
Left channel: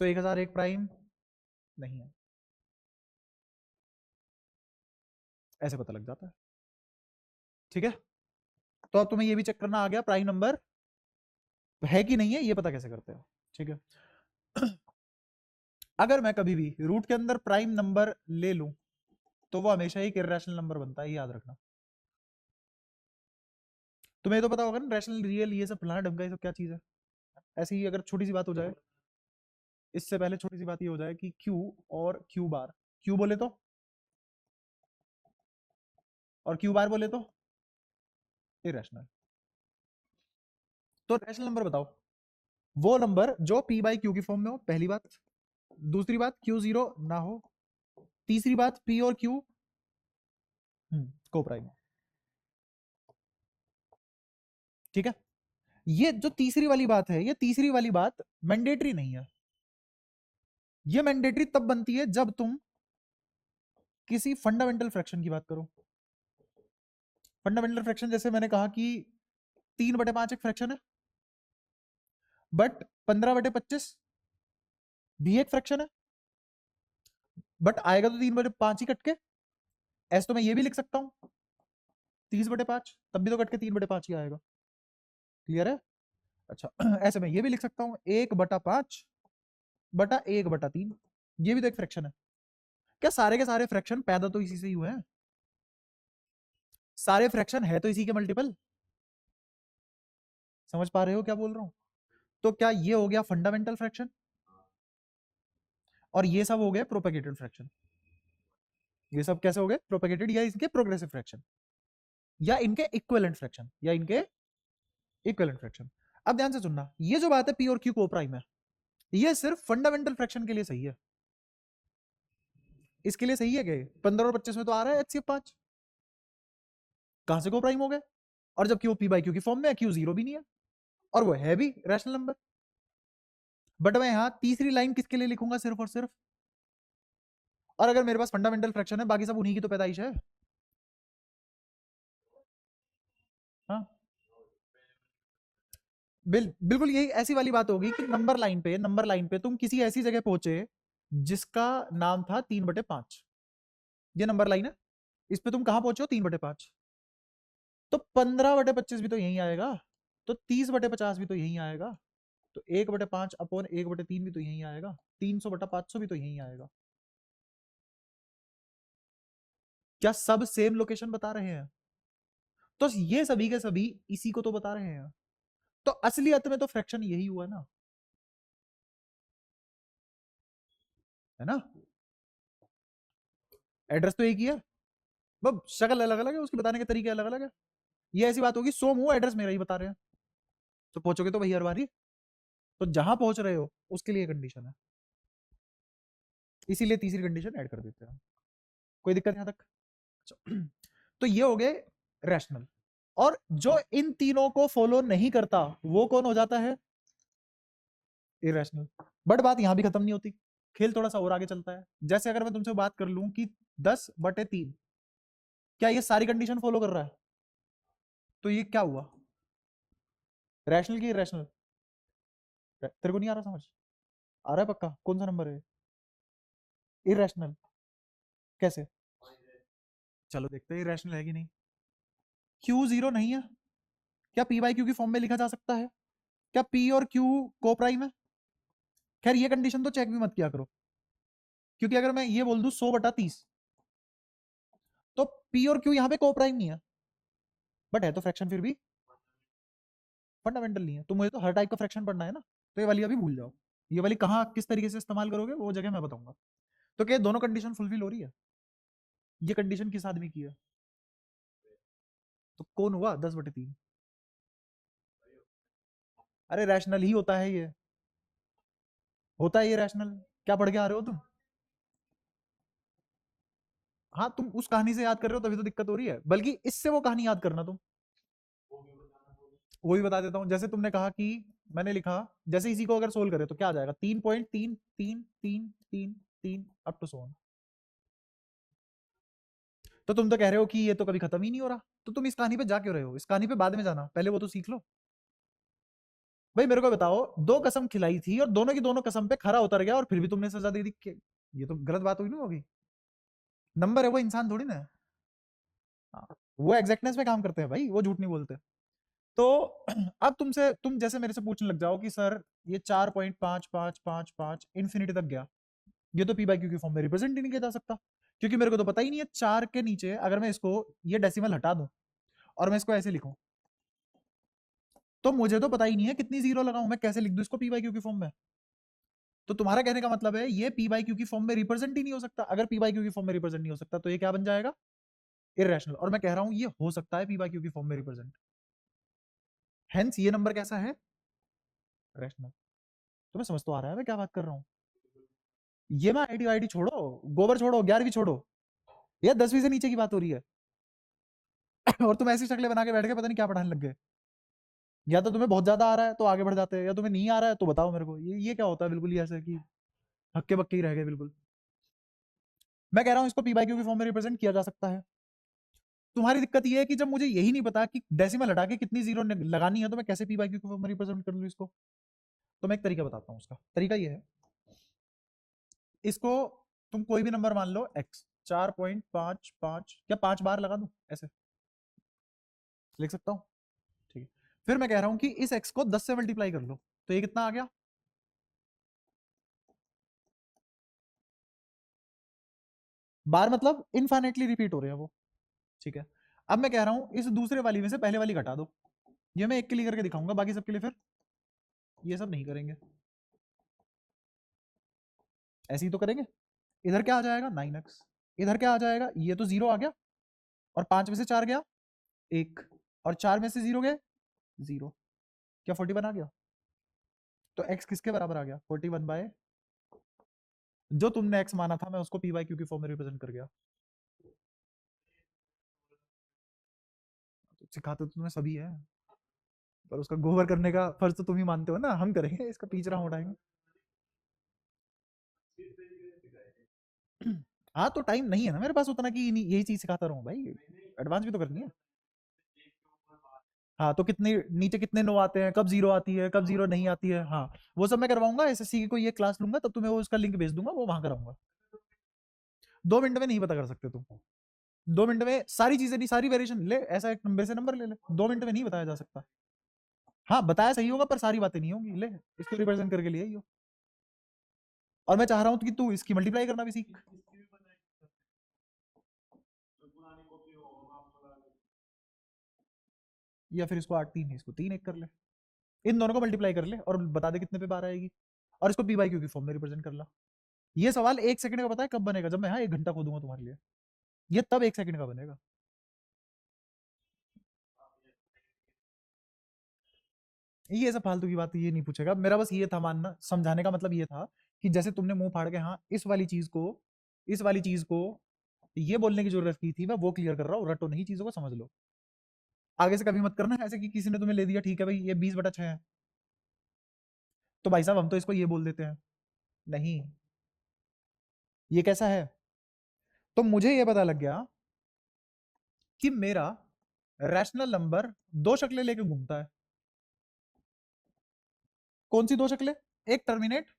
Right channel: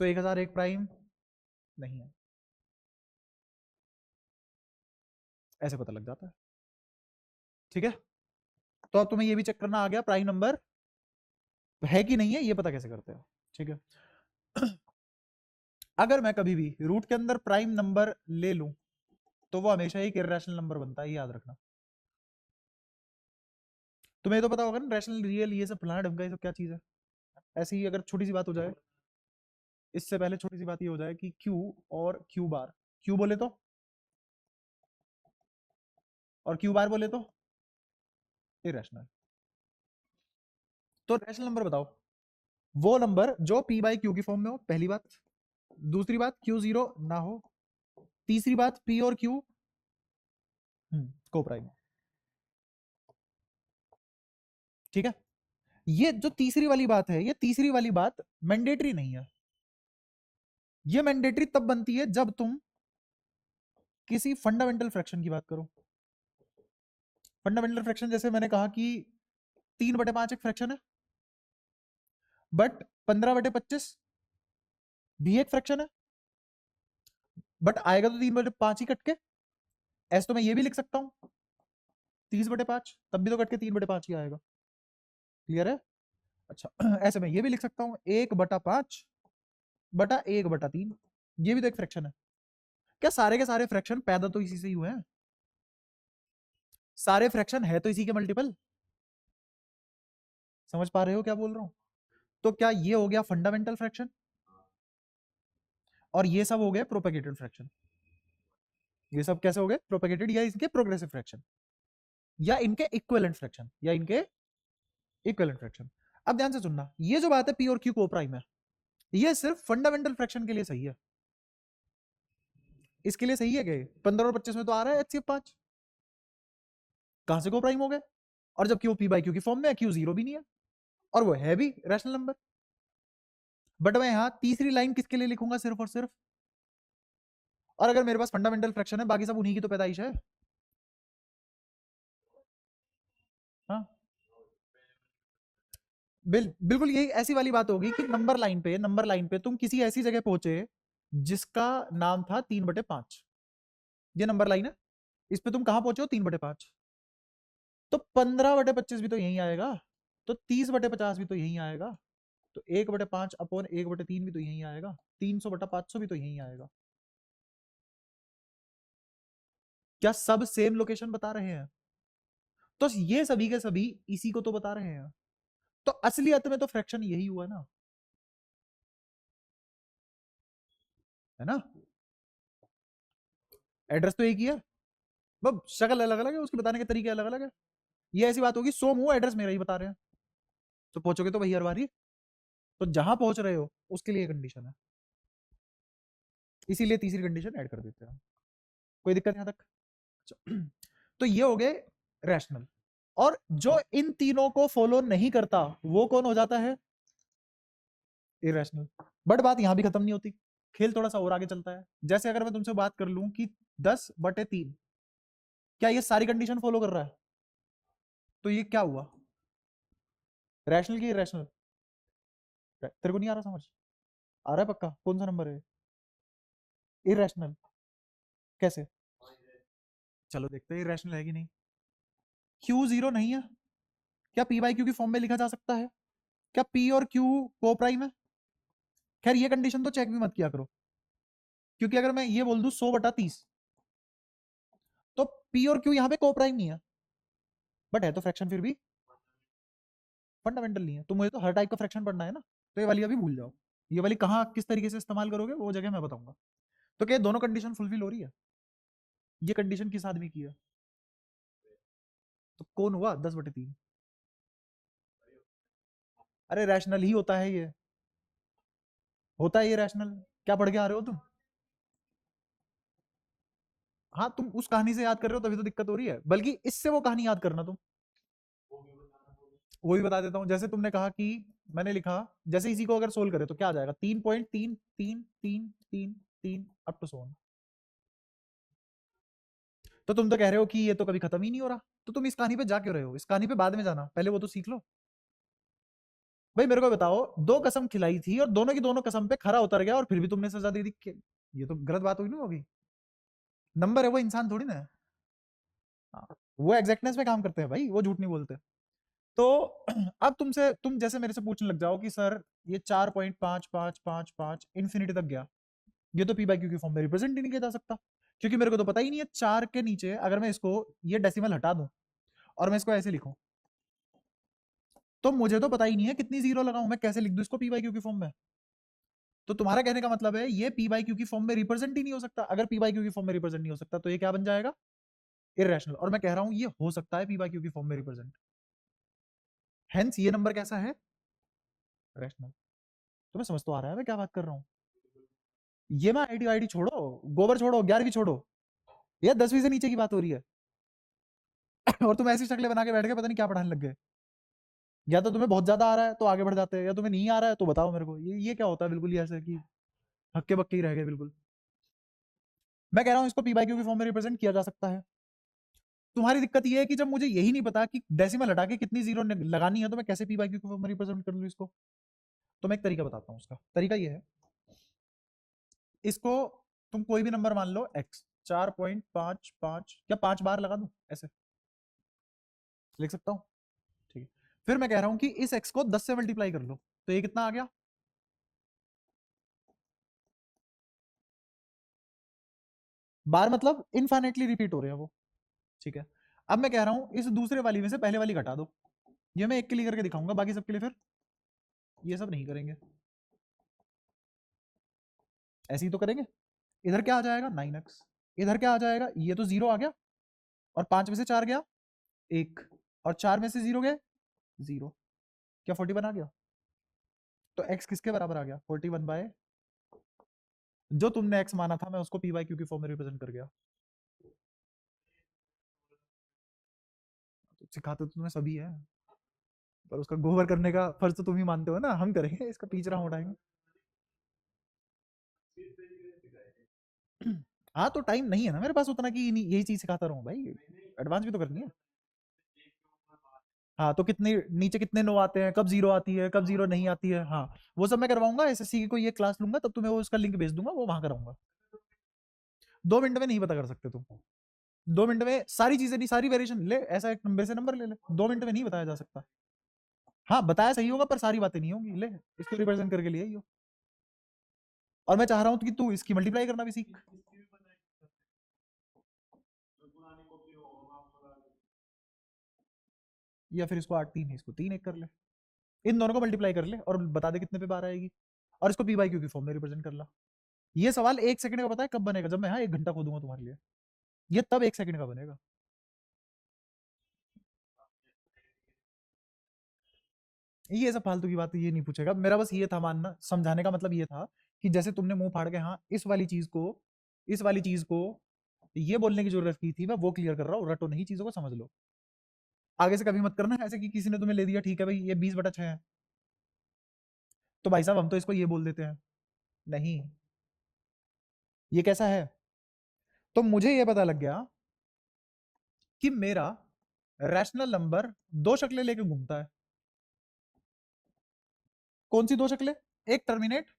तो 1001 प्राइम नहीं है, ऐसा पता लग जाता है। ठीक है, तो अब तुम्हें ये भी चेक करना आ गया प्राइम नंबर है कि नहीं है, ये पता कैसे करते हो। ठीक है। अगर मैं कभी भी रूट के अंदर प्राइम नंबर ले लूं तो वो हमेशा एक इरेशनल नंबर बनता है, ये याद रखना। तुम्हें तो पता होगा ना, रैशनल, रियल, ये सब प्लाट ढंग का, ये सब क्या चीज है। ऐसे ही अगर छोटी सी बात हो जाए, इससे पहले छोटी सी बात ये हो जाए कि क्यू और क्यू बार, क्यू बोले तो और क्यू बार बोले तो इरेशनल। तो रैशनल नंबर बताओ वो नंबर जो पी बाई क्यू की फॉर्म में हो, पहली बात। दूसरी बात, क्यू जीरो ना हो। तीसरी बात, पी और क्यू को प्राइम हो। ठीक है, ये जो तीसरी वाली बात है, ये तीसरी वाली बात मैंडेटरी नहीं है। ये मैंडेटरी तब बनती है जब तुम किसी फंडामेंटल फ्रैक्शन की बात करो। फंडामेंटल फ्रैक्शन जैसे मैंने कहा कि 3/5 एक फ्रैक्शन है, बट 15/25 भी एक फ्रैक्शन है, बट आएगा तो 3/5 ही कट के। ऐसे तो मैं ये भी लिख सकता हूँ 30/5, तब भी तो कट के 3/5 ही आएगा। क्लियर है? अच्छा, ऐसे मैं ये भी लिख सकता हूँ 1/5/1/3, ये भी तो एक फ्रैक्शन है। क्या सारे के सारे फ्रैक्शन पैदा तो इसी से ही हुए हैं? सारे फ्रैक्शन है तो इसी के मल्टीपल। समझ पा रहे हो क्या बोल रहा हूँ? तो क्या ये हो गया फंडामेंटल फ्रैक्शन, और ये सब हो गए प्रोपेगेटेड फ्रैक्शन। ये सब कैसे हो गए प्रोपेगेटेड, या इनके प्रोग्रेसिव फ्रैक्शन, या इनके इक्विवेलेंट फ्रैक्शन, या इनके इक्विवेलेंट फ्रैक्शन। अब ध्यान से सुनना, ये जो बात है पी और क्यू को प्राइम है, ये सिर्फ फंडामेंटल फ्रैक्शन के लिए सही है। इसके लिए सही है कि 15 और 25 में तो आ रहा है HCF 5, कहां से को प्राइम हो गए? और जब क्यू पी बाई क्यू की फॉर्म में है, क्यू जीरो भी नहीं है, और वो है भी रैशनल नंबर। बट मैं यहाँ तीसरी लाइन किसके लिए लिखूंगा, सिर्फ और सिर्फ, और अगर मेरे पास फंडामेंटल फ्रैक्शन है, बाकी सब उन्हीं की तो पैदाइश है। हाँ, बिल्कुल यही ऐसी वाली बात होगी कि नंबर लाइन पे तुम किसी ऐसी जगह पहुंचे जिसका नाम था 3/5। ये नंबर लाइन है, इस पे तुम कहां पहुंचे हो, 3/5। तो 15/25 भी तो यही आएगा, तो 30/50 भी तो यही आएगा, तो 1/5/1/3 भी तो यही आएगा, 300/500 भी तो यही आएगा। क्या सब सेम लोकेशन बता रहे हैं? तो ये सभी के सभी इसी को तो बता रहे हैं। तो असलियत में तो फ्रैक्शन यही हुआ ना, है ना? एड्रेस तो एक ही है, बस शक्ल अलग अलग है, उसके बताने के तरीके अलग अलग है। ये ऐसी बात होगी, सो मुंह एड्रेस मेरा ही बता रहे हैं, तो पहुंचोगे तो वही हर बारी। तो जहां पहुंच रहे हो उसके लिए कंडीशन है, इसीलिए तीसरी कंडीशन ऐड कर देते हैं। कोई दिक्कत यहाँ तक? अच्छा, तो ये हो गए रैशनल। और जो इन तीनों को फॉलो नहीं करता वो कौन हो जाता है, इरेशनल। बट बात यहां भी खत्म नहीं होती। खेल थोड़ा सा और आगे चलता है। जैसे अगर मैं तुमसे बात कर लूं कि 10/3, क्या ये सारी कंडीशन फॉलो कर रहा है? तो ये क्या हुआ, रैशनल की इरेशनल? तेरे को नहीं आ रहा समझ? आ रहा है पक्का? कौन सा नंबर है? इरेशनल? कैसे? चलो देखते हैं इरेशनल है कि नहीं। क्यू जीरो नहीं है, क्या पी बाई क्यू की फॉर्म में लिखा जा सकता है? क्या पी और क्यू को प्राइम है? खैर ये कंडीशन तो चेक भी मत किया करो, क्योंकि अगर मैं ये बोल दूं 100/30, तो पी और क्यू यहाँ पे को प्राइम नहीं है, बट है तो फ्रैक्शन फिर भी फंडामेंटल नहीं है। तो मुझे तो हर टाइप का फ्रैक्शन पढ़ना है ना, तो ये वाली अभी भूल जाओ। ये वाली कहाँ किस तरीके से इस्तेमाल करोगे वो जगह मैं बताऊंगा। तो क्या दोनों कंडीशन फुलफिल हो रही है? ये कंडीशन किस आदमी की है? तो कौन हुआ 10/3? अरे रैशनल ही होता है ये, होता है ये रैशनल। क्या पढ़ के आ रहे हो तुम? हाँ तुम उस कहानी से याद कर रहे हो तभी तो दिक्कत हो रही है, बल्कि इससे वो कहानी याद करना तुम। वही बता देता हूँ। जैसे तुमने कहा कि मैंने लिखा, जैसे इसी को अगर सोल्व करें तो क्या आ जाएगा, 3.3 3 3 3 3 अप टू सो ऑन। तो तुम तो कह रहे हो कि ये तो कभी खत्म ही नहीं हो रहा, तो तुम इस कहानी पे जा क्यों रहे हो? इस कहानी पे बाद में जाना, पहले वो तो सीख लो। भाई मेरे को बताओ, दो कसम खिलाई थी और दोनों की दोनों कसम पे खरा उतर गया और फिर भी तुमने सजा दे दी, ये तो गलत बात हुई ना होगी। नंबर है वो, इंसान थोड़ी ना है। हाँ, वो एग्जैक्टनेस में काम करते हैं भाई, वो झूठ नहीं बोलते। तो अब तुमसे, तुम जैसे मेरे से पूछने लग जाओ कि सर ये 4.5555 इन्फिनिटी तक गया, ये तो पी बाई क्यू की फॉर्म में रिप्रेजेंट ही नहीं किया जा सकता, क्योंकि मेरे को तो पता ही नहीं है 4 के नीचे अगर मैं इसको ये डेसिमल हटा दूं और मैं इसको ऐसे लिखूं, तो मुझे तो पता ही नहीं है कितनी जीरो लगाऊं, मैं कैसे लिख दूं इसको पी बाई क्यू की फॉर्म में? तो तुम्हारा कहने का मतलब है ये पी बाई क्यू की फॉर्म में रिप्रेजेंट ही नहीं हो सकता। अगर पी बाई क्यू की फॉर्म में रिप्रेजेंट नहीं हो सकता तो ये क्या बन जाएगा? इरेशनल। और मैं कह रहा हूं ये हो सकता है पी बाई क्यू की फॉर्म में रिप्रेजेंट, हेंस ये नंबर कैसा है? रैशनल। तुम्हें समझ तो आ रहा है मैं क्या बात कर रहा हूँ? ये मैं आईडी वाईडी छोड़ो, गोबर छोड़ो, 11वीं छोड़ो, ये 10वीं से नीचे की बात हो रही है। और तुम ऐसी शक्लें बना के बैठ गए, पता नहीं क्या पढ़ाने लग गए। या तो तुम्हें बहुत ज्यादा आ रहा है तो आगे बढ़ जाते हैं, या तुम्हें नहीं आ रहा है तो बताओ मेरे को। ये क्या होता है बिल्कुल ही ऐसे कि हक्के बक्के ही रह गए बिल्कुल। मैं कह रहा हूँ इसको पी बाई क्यू की फॉर्म में रिप्रेजेंट किया जा सकता है। तुम्हारी दिक्कत ये है कि जब मुझे यही नहीं पता कि डेसिमल हटा के कितनी जीरो लगानी है, तो मैं कैसे पी बाई क्यू की फॉर्म में रिप्रेजेंट कर लूँ इसको? तो मैं एक तरीका बताता हूँ उसका। तरीका ये है, इसको तुम कोई भी नंबर मान लो x, 4.55 या 5 बार लगा दो, ऐसे लिख सकता हूँ। ठीक है, फिर मैं कह रहा हूँ कि इस x को 10 से मल्टीप्लाई कर लो, तो ये कितना आ गया? बार मतलब इनफाइनाइटली रिपीट हो रहे हैं वो। ठीक है, अब मैं कह रहा हूँ इस दूसरे वाली में से पहले वाली घटा दो। ये मैं एक के लिए करके दिखाऊंगा, बाकी सबके लिए फिर ये सब नहीं करेंगे, ऐसे ही तो करेंगे। इधर क्या आ जाएगा 9x, इधर क्या आ जाएगा, ये तो जीरो आ गया, और 5 में से 4 गया 1, और 4 में से 0 गया 0। क्या 41 आ गया? तो x किसके बराबर आ गया? 41/, जो तुमने x माना था मैं उसको पी बाई क्यू की फॉर्म में रिप्रेजेंट कर गया। तो सिखाते तो तुम्हें सभी है, पर उसका गोबर करने का फर्ज तो तुम ही मानते हो ना, हम करेंगे इसका टीचर, हम उठाएंगे। हाँ तो टाइम नहीं है ना मेरे पास उतना कि यही चीज सिखाता रहूं भाई, एडवांस भी तो करनी है। हाँ तो कितने नीचे कितने नो आते हैं, कब जीरो आती है, कब जीरो नहीं आती है, हाँ वो सब मैं करवाऊंगा। एसएससी की कोई ये क्लास लूंगा तब तुम्हें वो उसका लिंक भेज दूंगा, वो वहां कराऊंगा। 2 मिनट में नहीं पता कर सकते तुम, 2 मिनट में सारी चीजें नहीं, सारी वेरिएशन ले, ऐसा एक नंबर से नंबर ले ले, 2 मिनट में नहीं बताया जा सकता। हाँ बताया सही होगा पर सारी बातें नहीं होंगी, ले इसको रिप्रेजेंट करके लिए ही हो। और मैं चाह रहा हूँ कि तू इसकी मल्टीप्लाई करना भी सीख, या फिर इसको 8 3 इसको 3 1 कर ले, इन दोनों को मल्टीप्लाई कर ले और बता दे कितने पे बार आएगी, और इसको पी बाई क्यू की फॉर्म में रिप्रेजेंट कर ला। ये सवाल 1 सेकंड का पता है कब बनेगा? जब मैं हाँ 1 घंटा खोदूंगा तुम्हारे लिए, ये तब 1 सेकंड का बनेगा। ये सब फालतू की बात ये नहीं पूछेगा, मेरा बस ये था मानना, समझाने का मतलब ये था कि जैसे तुमने मुंह फाड़ के हाँ इस वाली चीज को ये बोलने की जरूरत की थी, मैं वो क्लियर कर रहा हूँ, रटो नहीं चीजों को, समझ लो। आगे से कभी मत करना ऐसे कि किसी ने तुम्हें ले दिया, ठीक है भाई ये 20/6 है, तो भाई साहब हम तो इसको ये बोल देते हैं। नहीं, ये कैसा है? तो मुझे ये पता लग गया कि मेरा रैशनल नंबर दो शक्लें लेके घूमता है। कौन सी दो शक्लें? एक टर्मिनेट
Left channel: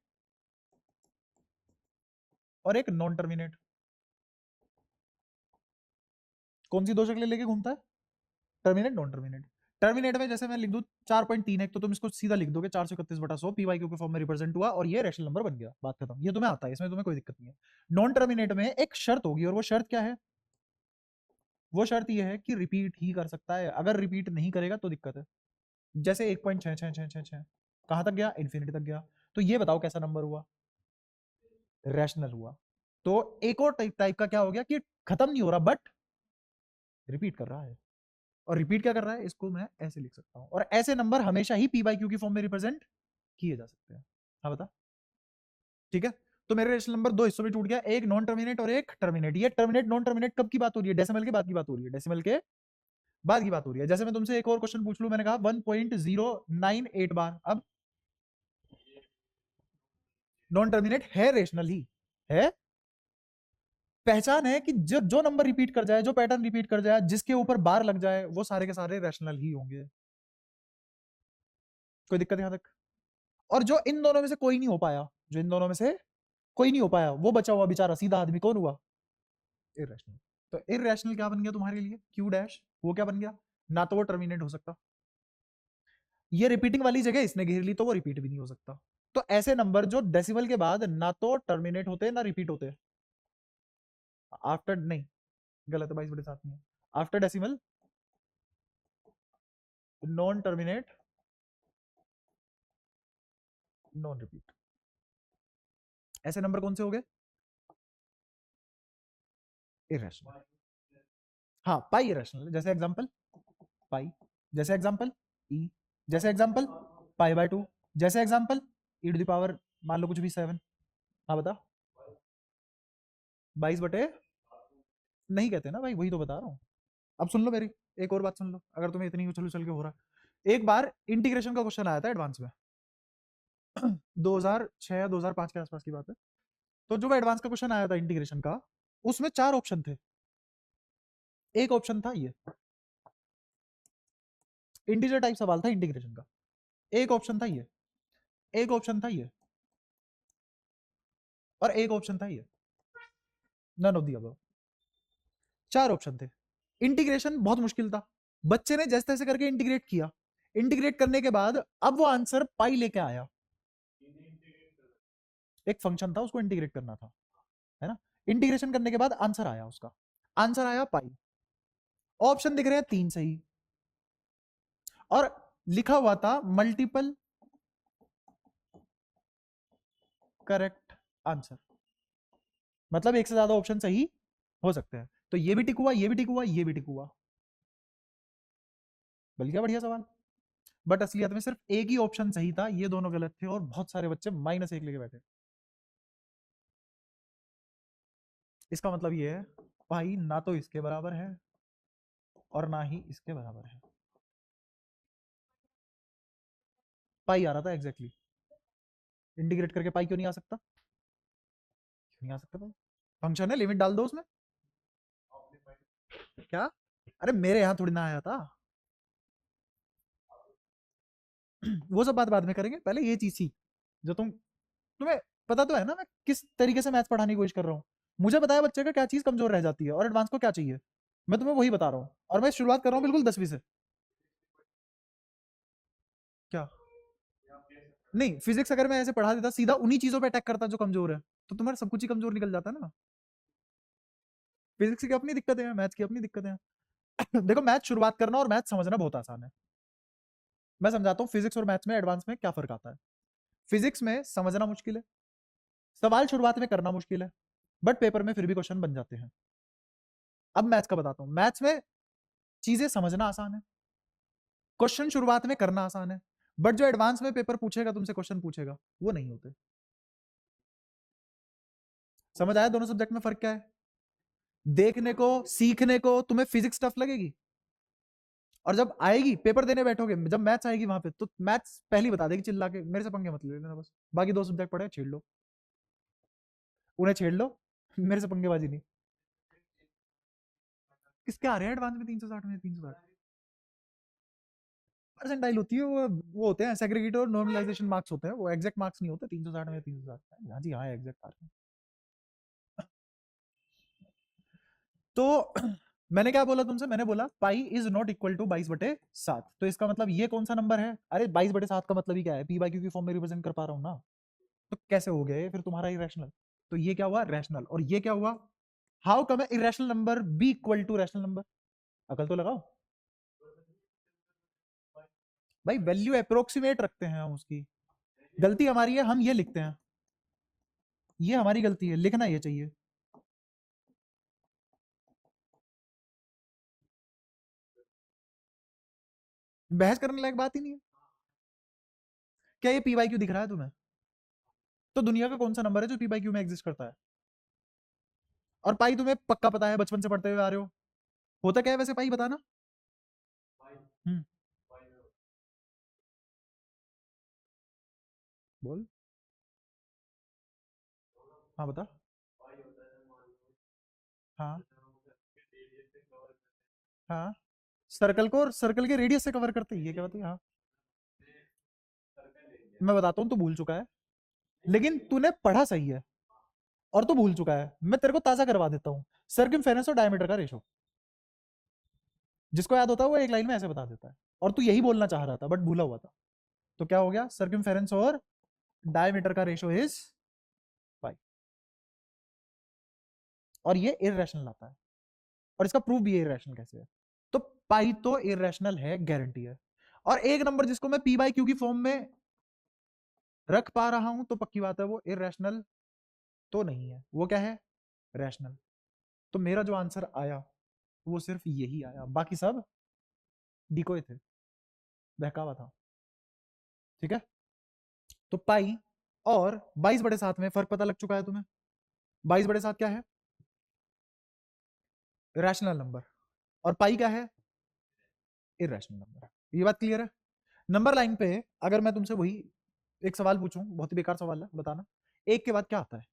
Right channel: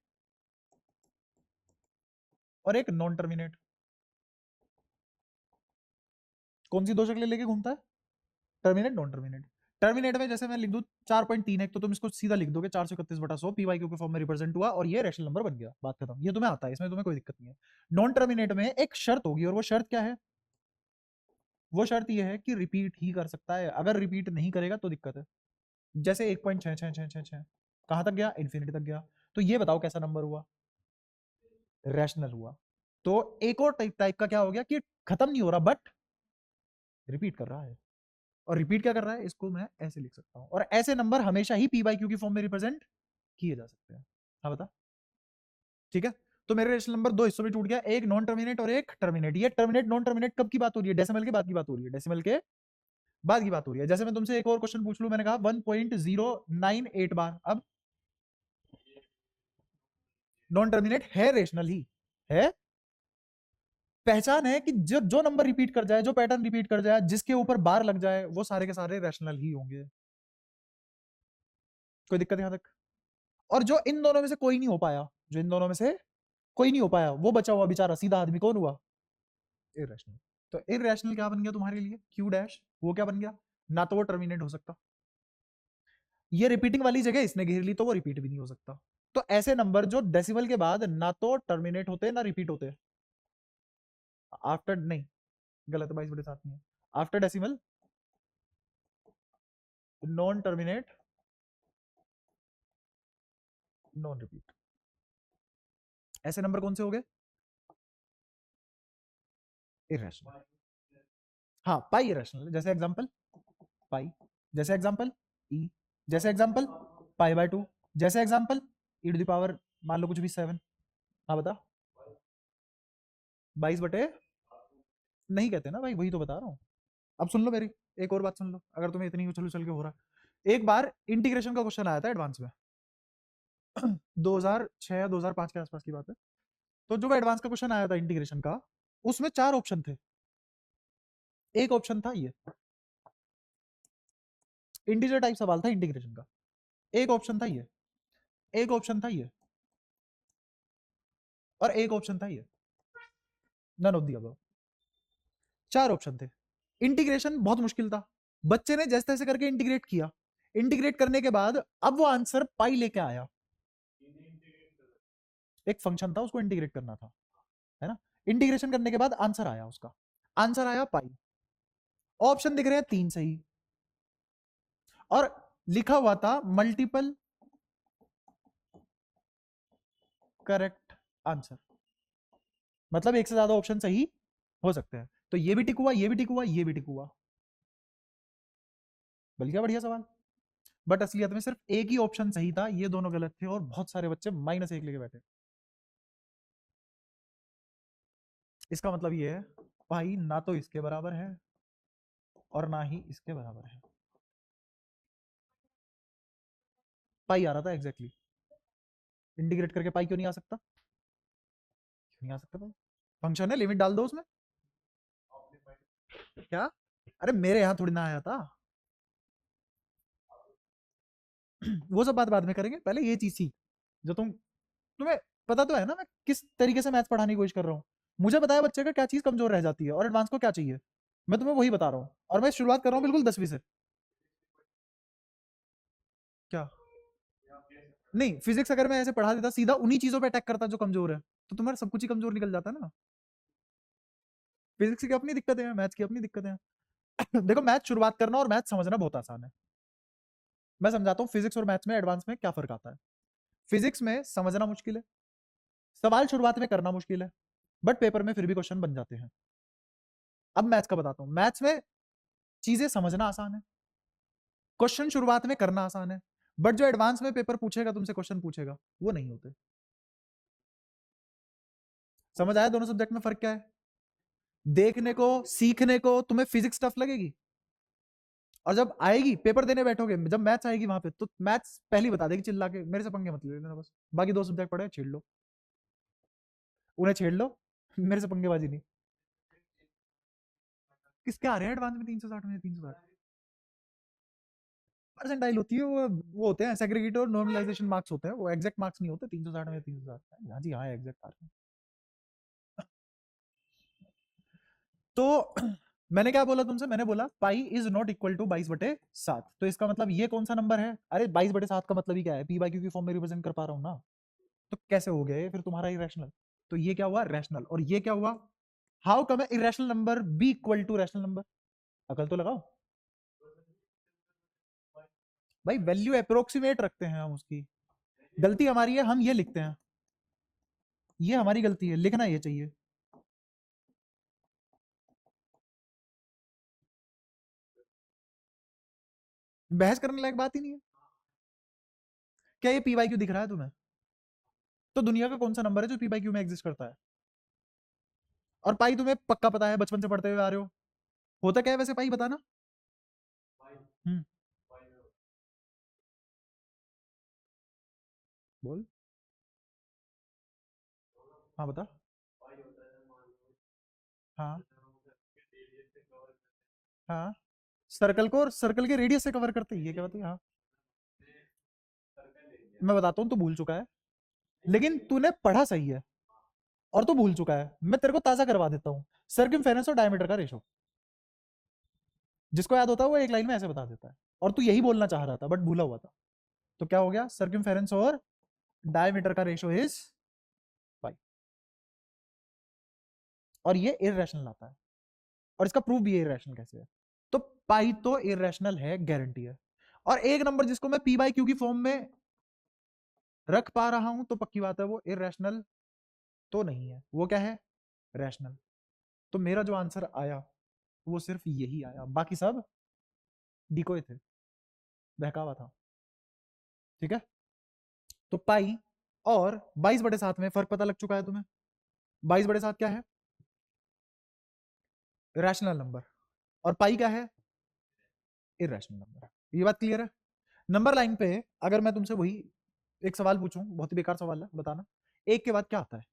और एक नॉन टर्मिनेट। कौन सी दो शक्लें लेके घूमता है? Terminate non terminate. टर्मिनेट में जैसे मैं लिख दूं 4.31, तो तुम इसको सीधा लिख दोगे 431/100 पीवाईक्यू के फॉर्म में रिप्रेजेंट हुआ और ये रैशनल नंबर बन गया, बात खत्म। ये तुम्हें आता है, इसमें तुम्हें कोई दिक्कत नहीं है। नॉन टर्मिनेट में एक शर्त होगी, और वो शर्त क्या है? वो शर्त ये है कि रिपीट ही कर सकता है, अगर रिपीट नहीं करेगा तो दिक्कत है। जैसे 1.6666 कहां तक गया? इन्फिनिटी तक गया। तो ये बताओ कैसा नंबर हुआ? रैशनल हुआ। तो एक और टाइप का क्या हो गया कि खत्म नहीं हो रहा बट रिपीट कर रहा है। और रिपीट क्या कर रहा है? इसको मैं ऐसे लिख सकता हूं, और ऐसे नंबर हमेशा ही पी बाई क्यू की फॉर्म में रिप्रेजेंट किए जा सकते हैं। हाँ बता। ठीक है, तो मेरे रेशनल नंबर दो हिस्सों में टूट गया, एक नॉन टर्मिनेट और एक टर्मिनेट। ये टर्मिनेट नॉन टर्मिनेट कब की बात हो रही है? डेसिमल के बाद की बात हो रही है, डेसिमल के बाद की बात हो रही है। जैसे मैं तुमसे एक और क्वेश्चन पूछ लूं, मैंने कहा 1.098 बार, अब नॉन टर्मिनेट है, रेशनल ही है। पहचान है कि जो जो नंबर रिपीट कर जाए, जो पैटर्न रिपीट कर जाए, जिसके ऊपर बार लग जाए, वो सारे के सारे रैशनल ही होंगे। कोई दिक्कत यहां तक? और जो इन दोनों में से कोई नहीं हो पाया, जो इन दोनों में से कोई नहीं हो पाया, वो बचा हुआ बेचारा सीधा आदमी कौन हुआ? इरेशनल। तो इरेशनल क्या बन गया तुम्हारे लिए? Q dash. वो क्या बन गया? ना तो वो टर्मिनेट हो सकता, ये रिपीटिंग वाली जगह इसने घेर ली, तो वो रिपीट भी नहीं हो सकता। तो ऐसे नंबर जो डेसिमल के बाद ना तो टर्मिनेट होते हैं ना रिपीट होते हैं, आफ्टर नहीं, गलत है, 22/7 नहीं है, after decimal non terminate non repeat. ऐसे नंबर कौन से हो गए? इरेशनल। हाँ, पाई इरेशनल। जैसे एग्जांपल पाई, जैसे एग्जांपल ई, जैसे एग्जांपल π/2, जैसे एग्जांपल e⁻, मान लो कुछ भी 7। हाँ बता। 22 बटे नहीं कहते ना भाई, वही तो बता रहा हूँ। अब सुन लो मेरी एक और बात सुन लो, अगर तुम्हें इतनी उछल उछल के हो रहा है। एक बार इंटीग्रेशन का क्वेश्चन आया था एडवांस में 2006 या 2005 के आसपास की बात है। तो जो एडवांस का क्वेश्चन आया था इंटीग्रेशन का, उसमें चार ऑप्शन थे। एक ऑप्शन था ये, इंटीजर टाइप सवाल था इंटीग्रेशन का। एक ऑप्शन था ये, एक ऑप्शन था ये, और एक ऑप्शन था ये। None of the above. चार ऑप्शन थे। इंटीग्रेशन बहुत मुश्किल था, बच्चे ने जैसे तैसे करके इंटीग्रेट किया। इंटीग्रेट करने के बाद अब वो आंसर पाई लेके आया। एक फंक्शन था, उसको इंटीग्रेट करना था, है ना। इंटीग्रेशन करने के बाद आंसर आया, उसका आंसर आया पाई। ऑप्शन दिख रहे हैं तीन सही, और लिखा हुआ था मल्टीपल करेक्ट आंसर। मतलब एक से ज्यादा ऑप्शन सही हो सकते हैं। तो ये भी टिक हुआ, ये भी टिक हुआ, ये भी टिक हुआ। बल्कि बढ़िया सवाल। बट असलियत में सिर्फ एक ही ऑप्शन सही था, ये दोनों गलत थे, और बहुत सारे बच्चे -1 लेके बैठे। इसका मतलब ये है भाई, ना तो इसके बराबर है और ना ही इसके बराबर है। पाई आ रहा था एग्जैक्टली, इंटीग्रेट करके पाई क्यों नहीं आ सकता? क्यों नहीं आ सकता भाई? फंक्शन है, लिमिट डाल दो उसमें। क्या? अरे मेरे यहाँ थोड़ी ना आया था। वो सब बात बाद में करेंगे, पहले ये चीज सीख। जो तुम्हें पता तो है ना मैं किस तरीके से मैथ्स पढ़ाने की कोशिश कर रहा हूँ। मुझे बताया बच्चे को क्या चीज कमजोर रह जाती है और एडवांस को क्या चाहिए, मैं तुम्हें वही बता रहा हूँ। और मैं शुरुआत कर रहा हूँ बिल्कुल 10वीं से। क्या? नहीं, फिजिक्स अगर मैं ऐसे पढ़ा देता, सीधा उन्हीं चीजों पे अटैक करता जो कमजोर है, तो तुम्हारा सब कुछ ही कमजोर निकल जाता ना। फिजिक्स की अपनी दिक्कतें हैं, मैथ्स की अपनी दिक्कतें हैं। देखो, मैथ शुरुआत करना और मैथ समझना बहुत आसान है। मैं समझाता हूँ फिजिक्स और मैथ्स में एडवांस में क्या फर्क आता है। फिजिक्स में समझना मुश्किल है, सवाल शुरुआत में करना मुश्किल है, बट पेपर में फिर भी क्वेश्चन बन जाते हैं। अब मैथ्स का बताता हूँ। मैथ्स में चीजें समझना आसान है, क्वेश्चन शुरुआत में करना आसान है, बट जो एडवांस में पेपर पूछेगा तुमसे, क्वेश्चन पूछेगा, वो नहीं होते। समझ आया दोनों सब्जेक्ट में फर्क क्या है? देखने को, सीखने को तुम्हें फिजिक्स टफ लगेगी, और जब आएगी पेपर देने बैठोगे, जब मैथ्स आएगी वहां पे, तो मैथ्स पहले ही बता देगी चिल्ला के, मेरे से पंगे मत लेना, बस बाकी दो सब्जेक्ट पढ़े छेड़ लो, उन्हें छेड़ लो। मेरे से पंगेबाजी नहीं। किसके आ रहे हैं एडवांस में 360 में 360 परसेंटाइल होती है वो होते हैं सेग्रीगेटेड और नॉर्मलाइजेशन मार्क्स होते हैं, वो एग्जैक्ट मार्क्स नहीं होते 360 में 360। हाँ जी हाँ एग्जैक्ट आ रहे हैं। तो मैंने क्या बोला तुमसे, मैंने बोला pi is not equal to 22/7। तो इसका मतलब ये कौन सा नंबर है? अरे 22/7 का मतलब ही क्या है, पी बाई क्यू की फॉर्म में रिप्रेजेंट कर पा रहा हूँ ना। तो कैसे हो गया ये फिर तुम्हारा इरेशनल? तो ये क्या हुआ रैशनल, और ये क्या हुआ? How come irrational number be equal to rational number? अकल तो लगाओ भाई, वैल्यू अप्रोक्सीमेट रखते हैं हम उसकी। गलती हमारी है, हम ये लिखते हैं, ये हमारी गलती है, लिखना ये चाहिए। बहस करने लायक बात ही नहीं है। क्या ये पी बाई क्यू दिख रहा है तुम्हें? तो दुनिया का कौन सा नंबर है जो पी बाई क्यू में एग्जिस्ट करता है? और पाई तुम्हें पक्का पता है, बचपन से पढ़ते हुए आ रहे हो। होता क्या है वैसे पाई, बताना। हम्म, बोल। हाँ बता। हाँ हाँ, सर्कल को और सर्कल के रेडियस से कवर करते हैं, ये क्या बताइए? हाँ मैं बताता हूँ, तो भूल चुका है, लेकिन तूने पढ़ा सही है और तो भूल चुका है। मैं तेरे को ताजा करवा देता हूँ। सर्कमफेरेंस और डायमीटर का रेशो, जिसको याद होता है वो एक लाइन में ऐसे बता देता है, और तू यही बोलना चाह रहा था बट भूला हुआ था। तो क्या हो गया, सर्कमफेरेंस और डायमीटर का रेशो इज पाई। और ये इरेशनल आता है, और इसका प्रूफ भी इरेशनल कैसे है। तो पाई तो इरेशनल है, गारंटी है। और एक नंबर जिसको मैं पी बाई क्यू की फॉर्म में रख पा रहा हूं, तो पक्की बात है वो इरेशनल तो नहीं है, वो क्या है, रैशनल। तो मेरा जो आंसर आया वो सिर्फ यही आया, बाकी सब डिकोय थे, बहकावा था। ठीक है। तो पाई और 22/7 में फर्क पता लग चुका है तुम्हें। 22/7 क्या है, रैशनल नंबर, और पाई क्या है, इरेशनल नंबर। ये बात क्लियर है? नंबर लाइन पे अगर मैं तुमसे वही एक सवाल पूछूं, बहुत ही बेकार सवाल है, बताना एक के बाद क्या आता है?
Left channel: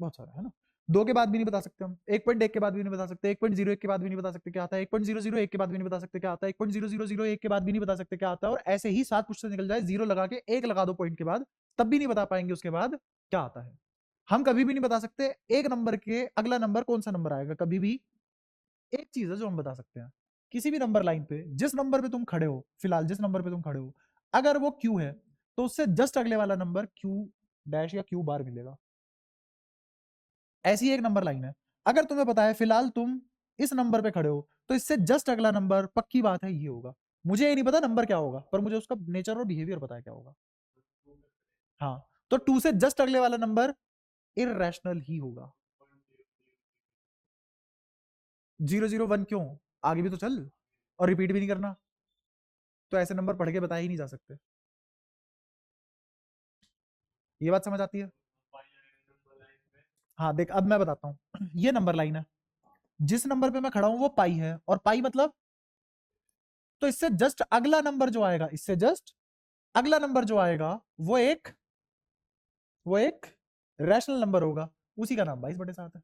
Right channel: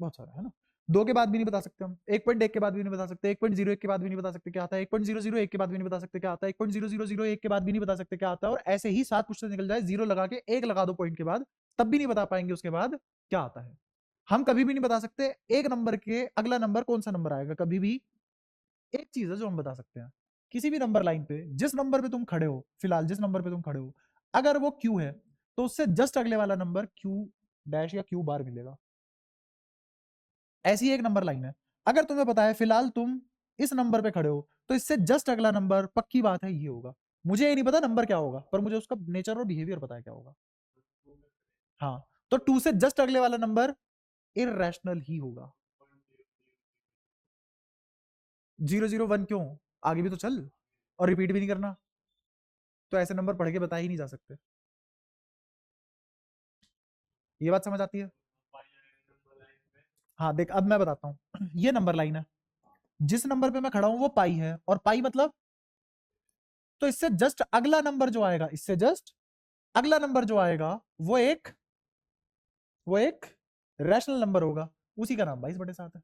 बहुत सारा है ना। दो के बाद भी नहीं बता सकते हम, 1.1 के बाद भी नहीं बता सकते, 1.01 के बाद भी नहीं बता सकते क्या आता है, 1.001 के बाद भी नहीं बता सकते क्या आता है, 1.0001 के बाद भी नहीं बता सकते क्या आता है, और ऐसे ही 7 क्वेश्चन निकल जाए, जीरो लगा के एक लगा दो पॉइंट के बाद, तब भी नहीं बता पाएंगे उसके बाद क्या आता है। हम कभी भी नहीं बता सकते एक नंबर के अगला नंबर कौन सा नंबर आएगा, कभी भी। एक चीज है जो हम बता सकते हैं, किसी भी नंबर लाइन पे जिस नंबर पे तुम खड़े हो, फिलहाल जिस नंबर पे तुम खड़े हो, अगर वो क्यू है तो उससे जस्ट अगले वाला नंबर क्यू डैश या क्यू बार मिलेगा। ऐसी एक नंबर लाइन है। अगर तुम्हें पता है फिलहाल तुम इस नंबर पे खड़े हो, तो इससे जस्ट अगला नंबर पक्की बात है ये होगा। मुझे ये नहीं पता नंबर क्या होगा, पर मुझे उसका नेचर और बिहेवियर पता है क्या होगा। हाँ, तो टू से जस्ट अगले वाला नंबर इरेशनल ही होगा। 001 क्यों, आगे भी तो चल, और रिपीट भी नहीं करना। तो ऐसे नंबर पढ़ के बता ही नहीं जा सकते। ये बात समझ आती है? हाँ देख, अब मैं बताता हूँ। ये नंबर लाइन है, जिस नंबर पे मैं खड़ा हूं वो पाई है, और पाई मतलब, तो इससे जस्ट अगला नंबर जो आएगा, इससे जस्ट अगला नंबर जो आएगा वो एक रैशनल नंबर होगा, उसी का नाम 22/7 है।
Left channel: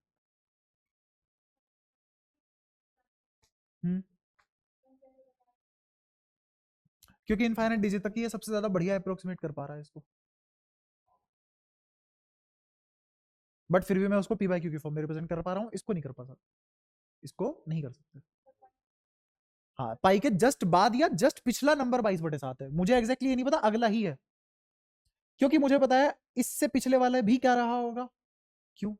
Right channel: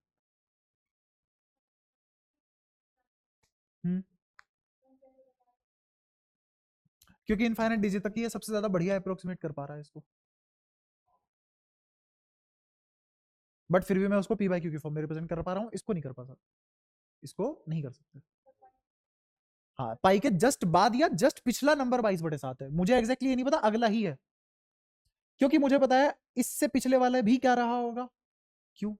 हम्म, क्योंकि इनफाइनाइट डिजिट तक ये सबसे ज्यादा बढ़िया अप्रोक्सीमेट कर पा रहा है इसको। बट फिर भी मैं उसको पी बाई क्यू की फॉर्म में रिप्रेजेंट कर पा रहा हूँ, इसको नहीं कर पा सकता, इसको नहीं कर सकते। हाँ, पाई के जस्ट बाद या जस्ट पिछला नंबर 22/7 है, मुझे एग्जैक्टली ये नहीं पता, अगला ही है, क्योंकि मुझे पता है इससे पिछले वाला भी क्या रहा होगा, क्यों।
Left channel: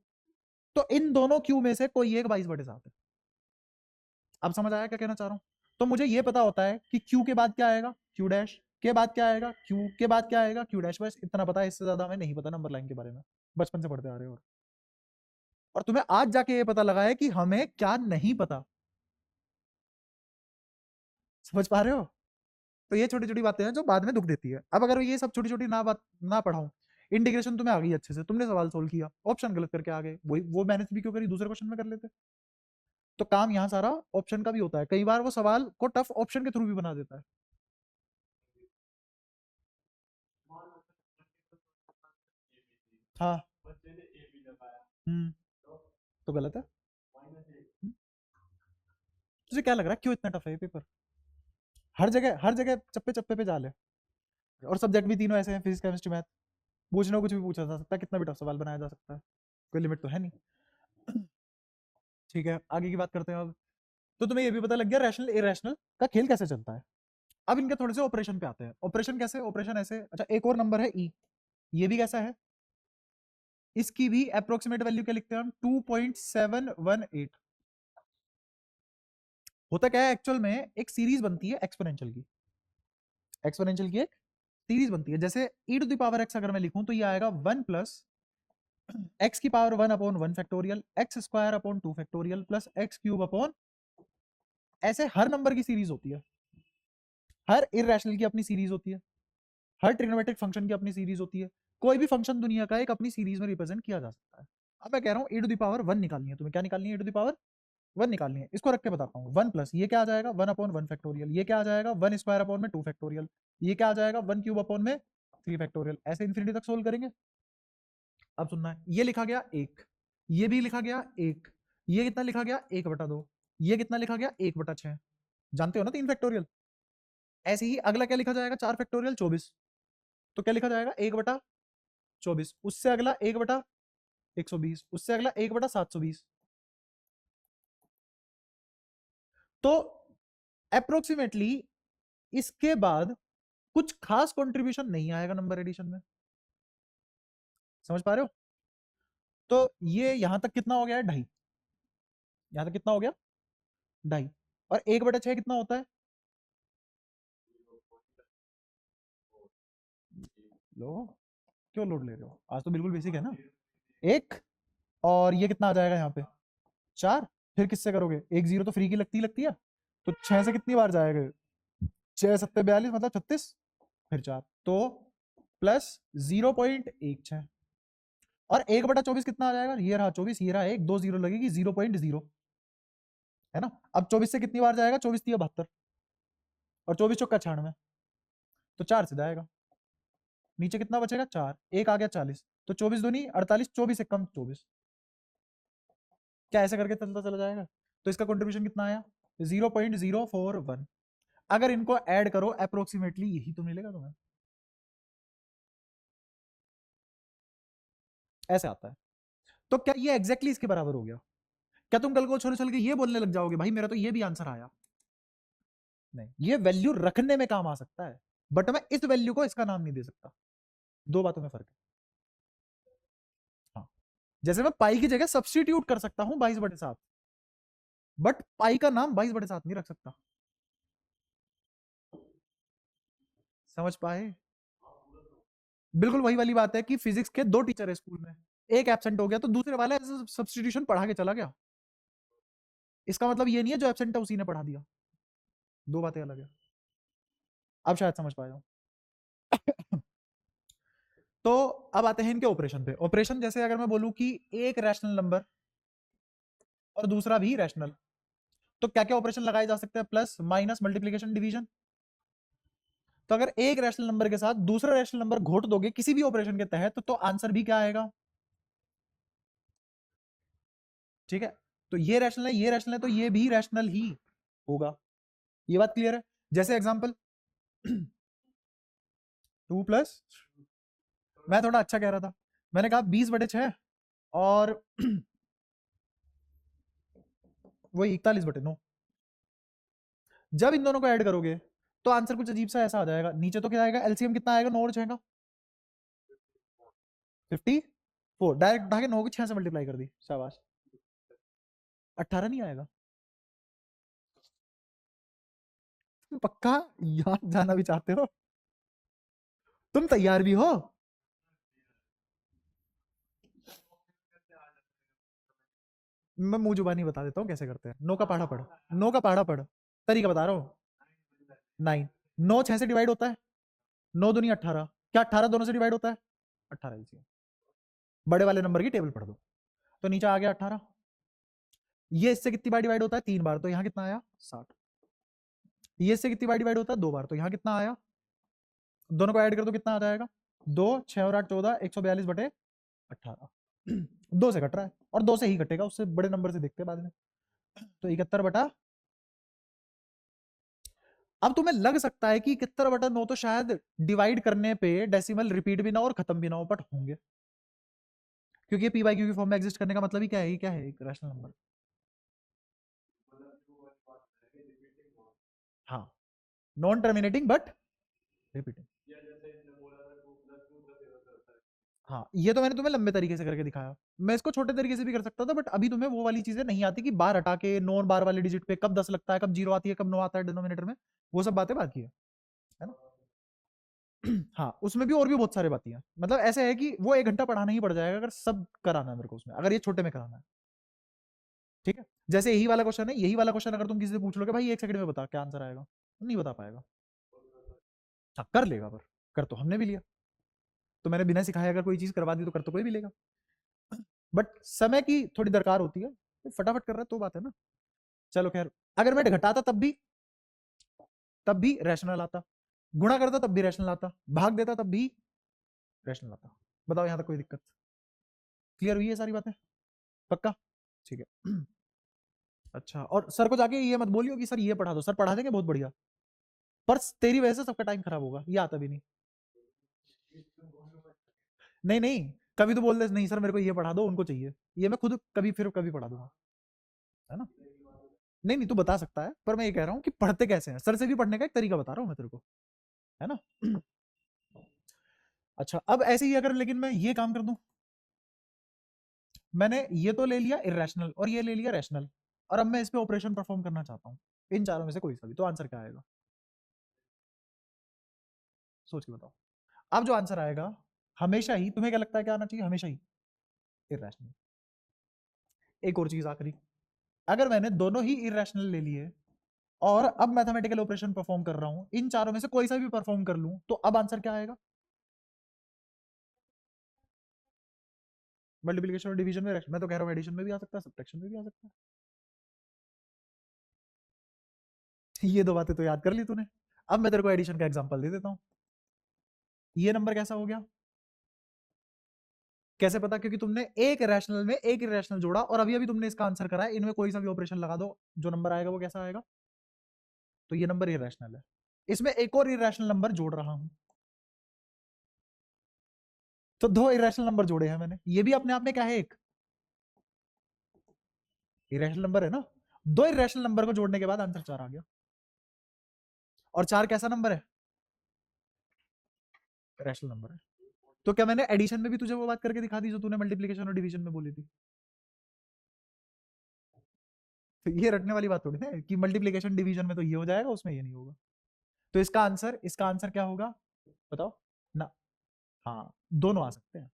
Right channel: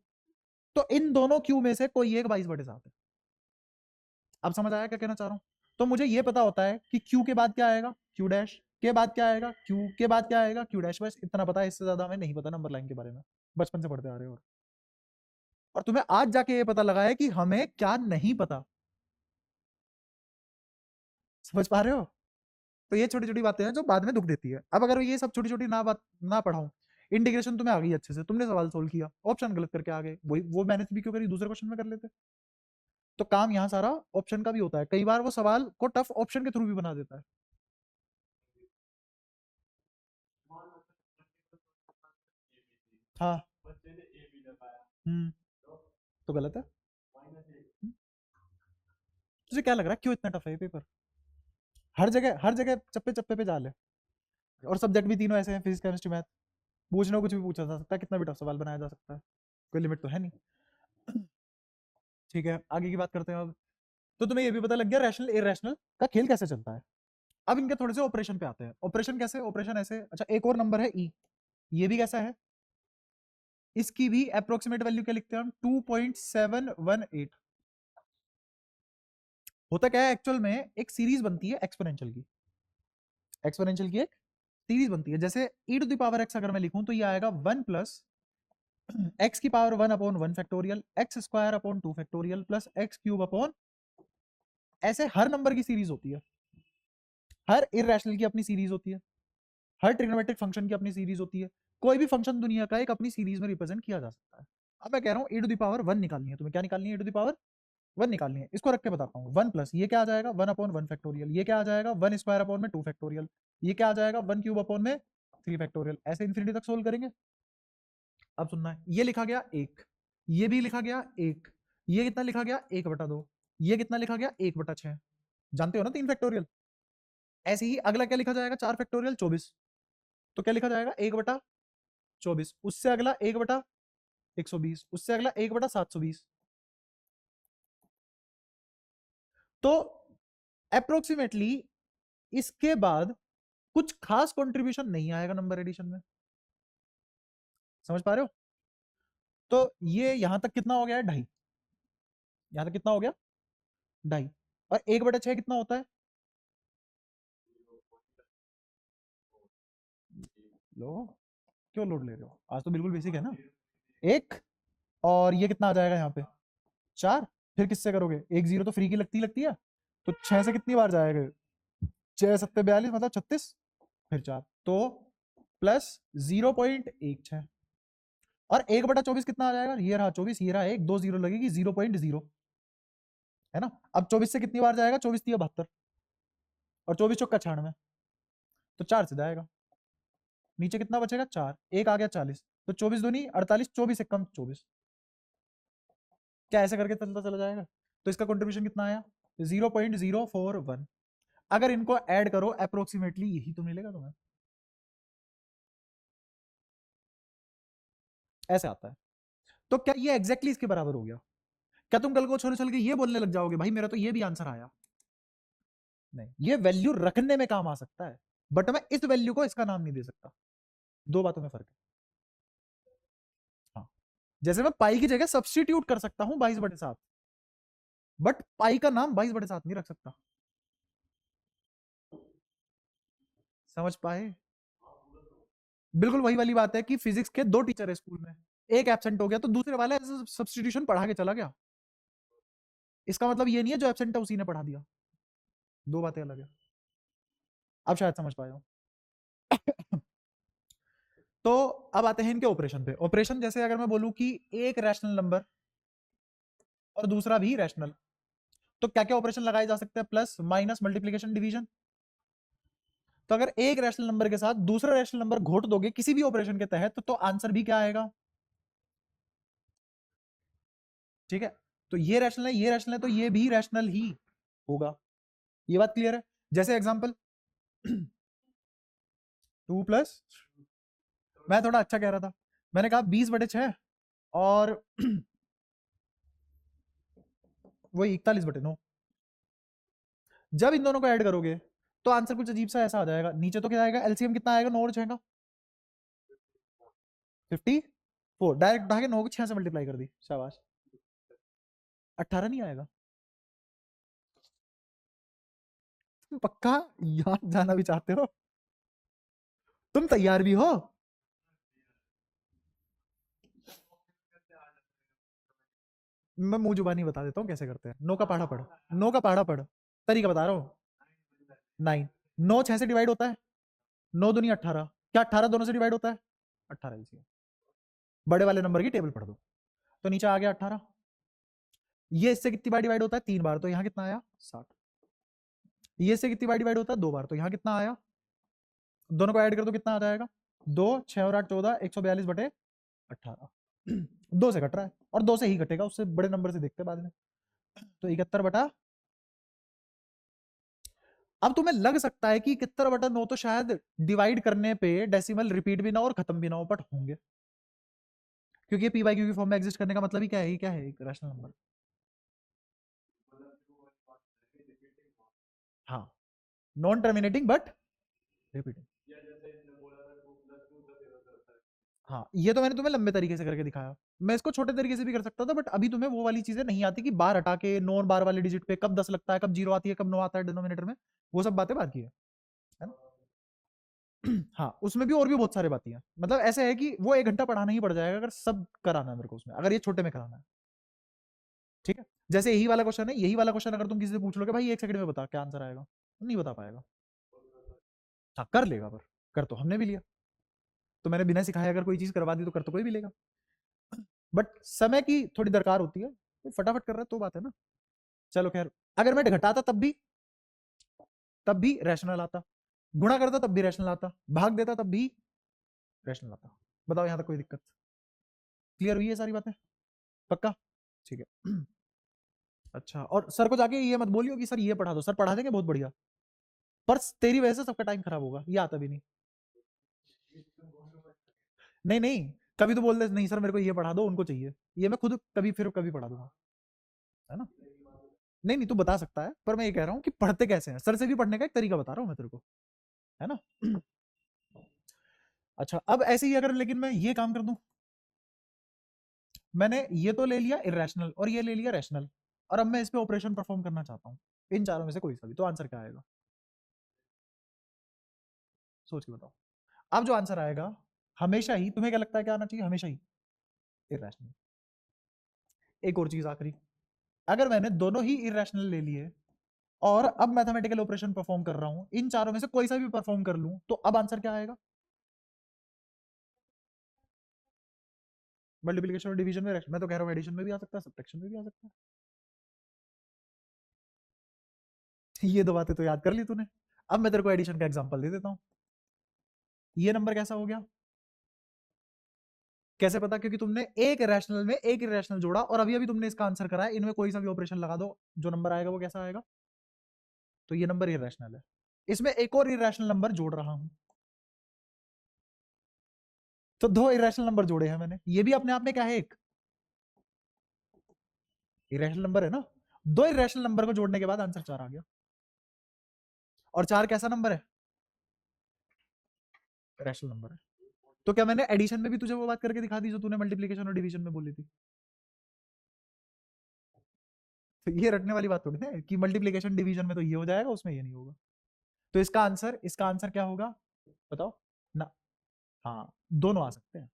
तो इन दोनों क्यू में से कोई एक 22/7 है। अब समझ आया क्या कहना चाह रहा हूँ? तो मुझे ये पता होता है कि क्यू के बाद क्या आएगा, क्यू डैश के बाद क्या आएगा, क्यू के बाद क्या आएगा, क्यू डैश, बस इतना पता है, इससे ज्यादा हमें नहीं पता नंबर लाइन के बारे में, बचपन से पढ़ते आ रहे हो। और तुम्हें आज जाके ये पता लगा है कि हमें क्या नहीं पता। समझ पा रहे हो? तो ये छोटी छोटी बातें हैं जो बाद में दुख देती है। अब अगर ये सब छोटी छोटी ना बात ना पढ़ाऊं, इंटीग्रेशन तुम्हें आ गई अच्छे से, तुमने सवाल सोल्व किया, ऑप्शन गलत करके आ गए, वही वो मैंने भी क्यों करी, दूसरे क्वेश्चन में कर लेते। तो काम यहाँ सारा ऑप्शन का भी होता है, कई बार वो सवाल को टफ ऑप्शन के थ्रू भी बना देता है। हाँ तो गलत है। तुझे क्या लग रहा है क्यों इतना टफ है ये पेपर? हर जगह चप्पे चप्पे पे जाल है, और सब्जेक्ट भी तीनों ऐसे हैं, फिजिक्स केमिस्ट्री मैथ। पूछने को कुछ भी पूछा जा सकता है, कितना भी टफ सवाल बनाया जा सकता है, कोई लिमिट तो है नहीं। ठीक है, आगे की बात करते हैं अब। तो तुम्हें ये भी पता लग गया रैशनल इरेशनल का खेल कैसे चलता है। अब इनके थोड़े से ऑपरेशन पे आते हैं। ऑपरेशन कैसे? ऑपरेशन ऐसे, अच्छा एक और नंबर है ई, ये भी कैसा है, इसकी भी अप्रोक्सीमेट वैल्यू क्या लिखते हैं हम, 2.718। होता क्या है एक्चुअल में, एक सीरीज बनती है एक्सपोनेंशियल की, एक्सपोनेंशियल की एक सीरीज बनती है। जैसे e to the power x अगर मैं लिखूं तो ये आएगा 1 प्लस x की power 1 upon 1 factorial x square upon 2 factorial plus x cube upon, ऐसे हर नंबर की सीरीज होती है, हर इरेशनल की अपनी सीरीज होती है, हर ट्रिग्नोमेट्रिक फंक्शन की अपनी सीरीज होती है। कोई भी फंक्शन दुनिया का एक अपनी सीरीज में रिप्रेजेंट किया जा सकता है। अब मैं कह रहा हूँ e टू द पावर 1 निकालनी है, तुम्हें क्या निकालनी है, e टू द पावर 1 निकालनी है। इसको रख के बताता हूँ, 1 प्लस ये क्या आ जाएगा 1 अपॉन 1 फैक्टोरियल, ये क्या आ जाएगा 1 स्क्वायर अपॉन में 2 फैक्टोरियल, ये क्या आ जाएगा 1 क्यूब अपॉन में 3 फैक्टोरियल, ऐसे इन्फिनिटी तक सोल्व करेंगे। अब सुनना है, ये लिखा गया 1, ये भी लिखा गया 1, ये कितना लिखा गया 1/2, ये कितना लिखा गया 1/6, जानते हो ना 3 फैक्टोरियल। ऐसे ही अगला क्या लिखा जाएगा 4 फैक्टोरियल 24, तो क्या लिखा जाएगा 1/24, उससे अगला 1/120, उससे अगला 1/720। तो अप्रोक्सीमेटली इसके बाद कुछ खास कंट्रीब्यूशन नहीं आएगा नंबर एडिशन में, समझ पा रहे हो। तो ये यहां तक कितना हो गया है 2.5, यहां तक कितना हो गया 2.5, और 1/6 कितना होता है, लो क्यों लोड ले रहे हो, आज तो बिल्कुल बेसिक है ना। एक, और ये कितना आ जाएगा यहाँ पे 4, फिर किससे करोगे, एक जीरो तो फ्री की लगती है, तो 6 से कितनी बार जाएगा, 6 7 42 बता 36, फिर 4, तो प्लस 0.16, और 1/24 कितना आ जाएगा, ये रहा 24, ये रहा एक, 2 जीरो लगेगी 0.0, है ना। अब 24 से कितनी बार जाएगा, 24 3 72, और 24 चौका 96, तो 4 से जाएगा, नीचे कितना बचेगा 4, एक आ गया 40, तो 24 दूनी 48, 24 से कम 24, क्या ऐसे करके चलता चला जाएगा। तो इसका कंट्रीब्यूशन कितना आया 0.041, अगर इनको ऐड करो अप्रोक्सीमेटली यही तो मिलेगा तुम्हें, ऐसे आता है। तो क्या ये एग्जैक्टली इसके बराबर हो गया, क्या तुम कल को छोटे छोटे के ये बोलने लग जाओगे भाई मेरा तो ये भी आंसर आया, नहीं, ये वैल्यू रखने में काम आ सकता है, बट मैं इस वैल्यू को इसका नाम नहीं दे सकता, दो बातों में फर्क है। हाँ, जैसे मैं पाई की जगह सब्सटीट्यूट कर सकता हूं 22/7, बट पाई का नाम 22/7 नहीं रख सकता, समझ पाए। बिल्कुल वही वाली बात है कि फिजिक्स के दो टीचर है स्कूल में, एक एब्सेंट हो गया तो दूसरे वाला सब्सटीट्यूशन पढ़ा के चला गया, इसका मतलब ये नहीं है जो एब्सेंट है उसी ने पढ़ा दिया, दो बातें अलग है। अब शायद समझ पाए हो। तो अब आते हैं इनके ऑपरेशन पे। ऑपरेशन जैसे अगर मैं बोलूं कि एक रैशनल नंबर और दूसरा भी रैशनल, तो क्या क्या ऑपरेशन लगाए जा सकते हैं, प्लस माइनस मल्टीप्लीकेशन डिवीजन। तो अगर एक रैशनल नंबर के साथ दूसरा रैशनल नंबर घोट दोगे किसी भी ऑपरेशन के तहत तो आंसर भी क्या आएगा, ठीक है। तो ये रैशनल है, ये रैशनल है, तो ये भी रैशनल ही होगा, ये बात क्लियर है। जैसे एग्जांपल 2 प्लस, मैं थोड़ा अच्छा कह रहा था, मैंने कहा 20/6 और वही 41/9, जब इन दोनों को ऐड करोगे तो आंसर कुछ अजीब सा ऐसा आ जाएगा, नीचे तो क्या आएगा एलसीएम कितना आएगा 9 और 6 का 54, डायरेक्ट भागे 9 को 6 से मल्टीप्लाई कर दी, शाबाश। 18 नहीं आएगा, पक्का यार जाना भी चाहते हो, तुम तैयार भी हो। मैं मुंह जुबानी बता देता हूँ कैसे करते हैं, 9 का पहाड़ा पढ़, 9 का पहाड़ा पढ़, तरीका बता रहा हूँ। 9, 9 6 से डिवाइड होता है, 9 दूनी 18, क्या 18 दोनों से डिवाइड होता है, 18 एलसीएम, बड़े वाले नंबर की टेबल पढ़ दो, तो नीचे आ गया 18, ये इससे कितनी बार डिवाइड होता है 3 बार, तो यहाँ कितना आया 60, ये इससे कितनी बार डिवाइड होता है 2 बार, तो यहाँ कितना आया, दोनों को ऐड कर दो कितना आ जाएगा 2 6 और 8 14, 142/18, 2 से कट रहा है और 2 से ही कटेगा, उससे बड़े नंबर से देखते हैं बाद में। तो 71/, अब तुम्हें लग सकता है कि 71/9 तो शायद डिवाइड करने पे डेसिमल रिपीट भी ना हो और खत्म भी ना हो, बट होंगे, क्योंकि पी बाई क्यू के फॉर्म में एग्जिस्ट करने का मतलब ही क्या है, ये क्या है, एक रैशनल नंबर। हाँ, नॉन टर्मिनेटिंग बट रिपीटिंग। हाँ, ये तो मैंने तुम्हें लंबे तरीके से करके दिखाया, मैं इसको छोटे तरीके से भी कर सकता था, बट अभी तुम्हें वो वाली चीजें नहीं आती कि बार हटा के नॉन बार वाले डिजिट में कब 10 लगता है, कब 0 आती है, कब 9 आता है डिनोमिनेटर में, वो सब बातें बाकी है ना। हाँ, उसमें भी और भी बहुत सारे बातें हैं, मतलब ऐसे है कि वो 1 घंटा पढ़ाना ही पड़ जाएगा अगर सब कराना है मेरे को उसमें, अगर ये छोटे में कराना है। ठीक है, जैसे यही वाला क्वेश्चन है, यही वाला क्वेश्चन अगर तुम किसी से पूछ लोगे भाई 1 सेकंड में बता क्या आंसर आएगा, तो नहीं बता पाएगा। हाँ, कर लेगा, पर कर तो हमने भी लिया, तो मैंने बिना सिखाए अगर कोई चीज करवा दी तो कर तो कोई भी लेगा, बट समय की थोड़ी दरकार होती है, तो फटाफट कर रहा है तो बात है ना। चलो खैर, अगर मैं घटाता तब भी रैशनल आता, गुणा करता तब भी रैशनल आता, भाग देता तब भी रैशनल आता। बताओ यहाँ तक कोई दिक्कत, क्लियर हुई है सारी बातें, पक्का, ठीक है। अच्छा, और सर को जाके ये मत बोलियो कि सर ये पढ़ा दो, सर पढ़ा देंगे बहुत बढ़िया, पर तेरी वजह से सबका टाइम खराब होगा, ये आता भी नहीं। नहीं नहीं, कभी तो बोल दे नहीं सर मेरे को ये पढ़ा दो, उनको चाहिए, ये मैं खुद कभी फिर कभी पढ़ा दूंगा, है ना। नहीं नहीं, तू बता सकता है, पर मैं ये कह रहा हूँ कि पढ़ते कैसे हैं, सर से भी पढ़ने का एक तरीका बता रहा हूँ मैं तेरे को, है ना। अच्छा, अब ऐसे ही अगर लेकिन मैं ये काम कर दूं, मैंने ये तो ले लिया इरेशनल और ये ले लिया रैशनल, और अब मैं इस पे ऑपरेशन परफॉर्म करना चाहता हूँ, इन चारों में से कोई सा भी, तो आंसर क्या आएगा, सोच के बताओ। अब जो आंसर आएगा, हमेशा ही तुम्हें क्या लगता है क्या आना चाहिए, हमेशा ही इरेशनल। एक और चीज आखिरी, अगर मैंने दोनों ही इरेशनल ले लिए और अब मैथमेटिकल ऑपरेशन परफॉर्म कर रहा हूँ, इन चारों में से कोई सा भी परफॉर्म कर लूं, तो अब आंसर क्या आएगा, मल्टीप्लिकेशन और डिवीजन में, मैं तो कह रहा हूँ एडिशन में भी आ सकता है, सब्ट्रैक्शन में भी आ सकता है। ये दो बातें तो याद कर ली तूने, अब मैं तेरे को एडिशन का एग्जांपल दे देता हूँ। ये नंबर कैसा हो गया, कैसे पता, क्योंकि तुमने एक रैशनल में एक इरेशनल जोड़ा और अभी अभी तुमने इसका आंसर करा है, इनमें कोई सा भी ऑपरेशन लगा दो, जो नंबर आएगा वो कैसा आएगा, तो ये नंबर इरेशनल है, इसमें एक और इरेशनल नंबर जोड़ रहा हूं, तो 2 इरेशनल नंबर जोड़े हैं मैंने, ये भी अपने आप में क्या है, एक इरेशनल नंबर है ना। 2 इरेशनल नंबर को जोड़ने के बाद आंसर 4 आ गया, और 4 कैसा नंबर है, रैशनल नंबर है। तो क्या मैंने एडिशन में भी तुझे वो बात करके दिखा दी जो तूने मल्टीप्लिकेशन और डिवीजन में बोली थी, तो ये रटने वाली बात थोड़ी है कि मल्टीप्लिकेशन डिवीजन में तो ये हो जाएगा उसमें ये नहीं होगा, तो इसका आंसर क्या होगा, बताओ ना। हाँ, दोनों आ सकते हैं,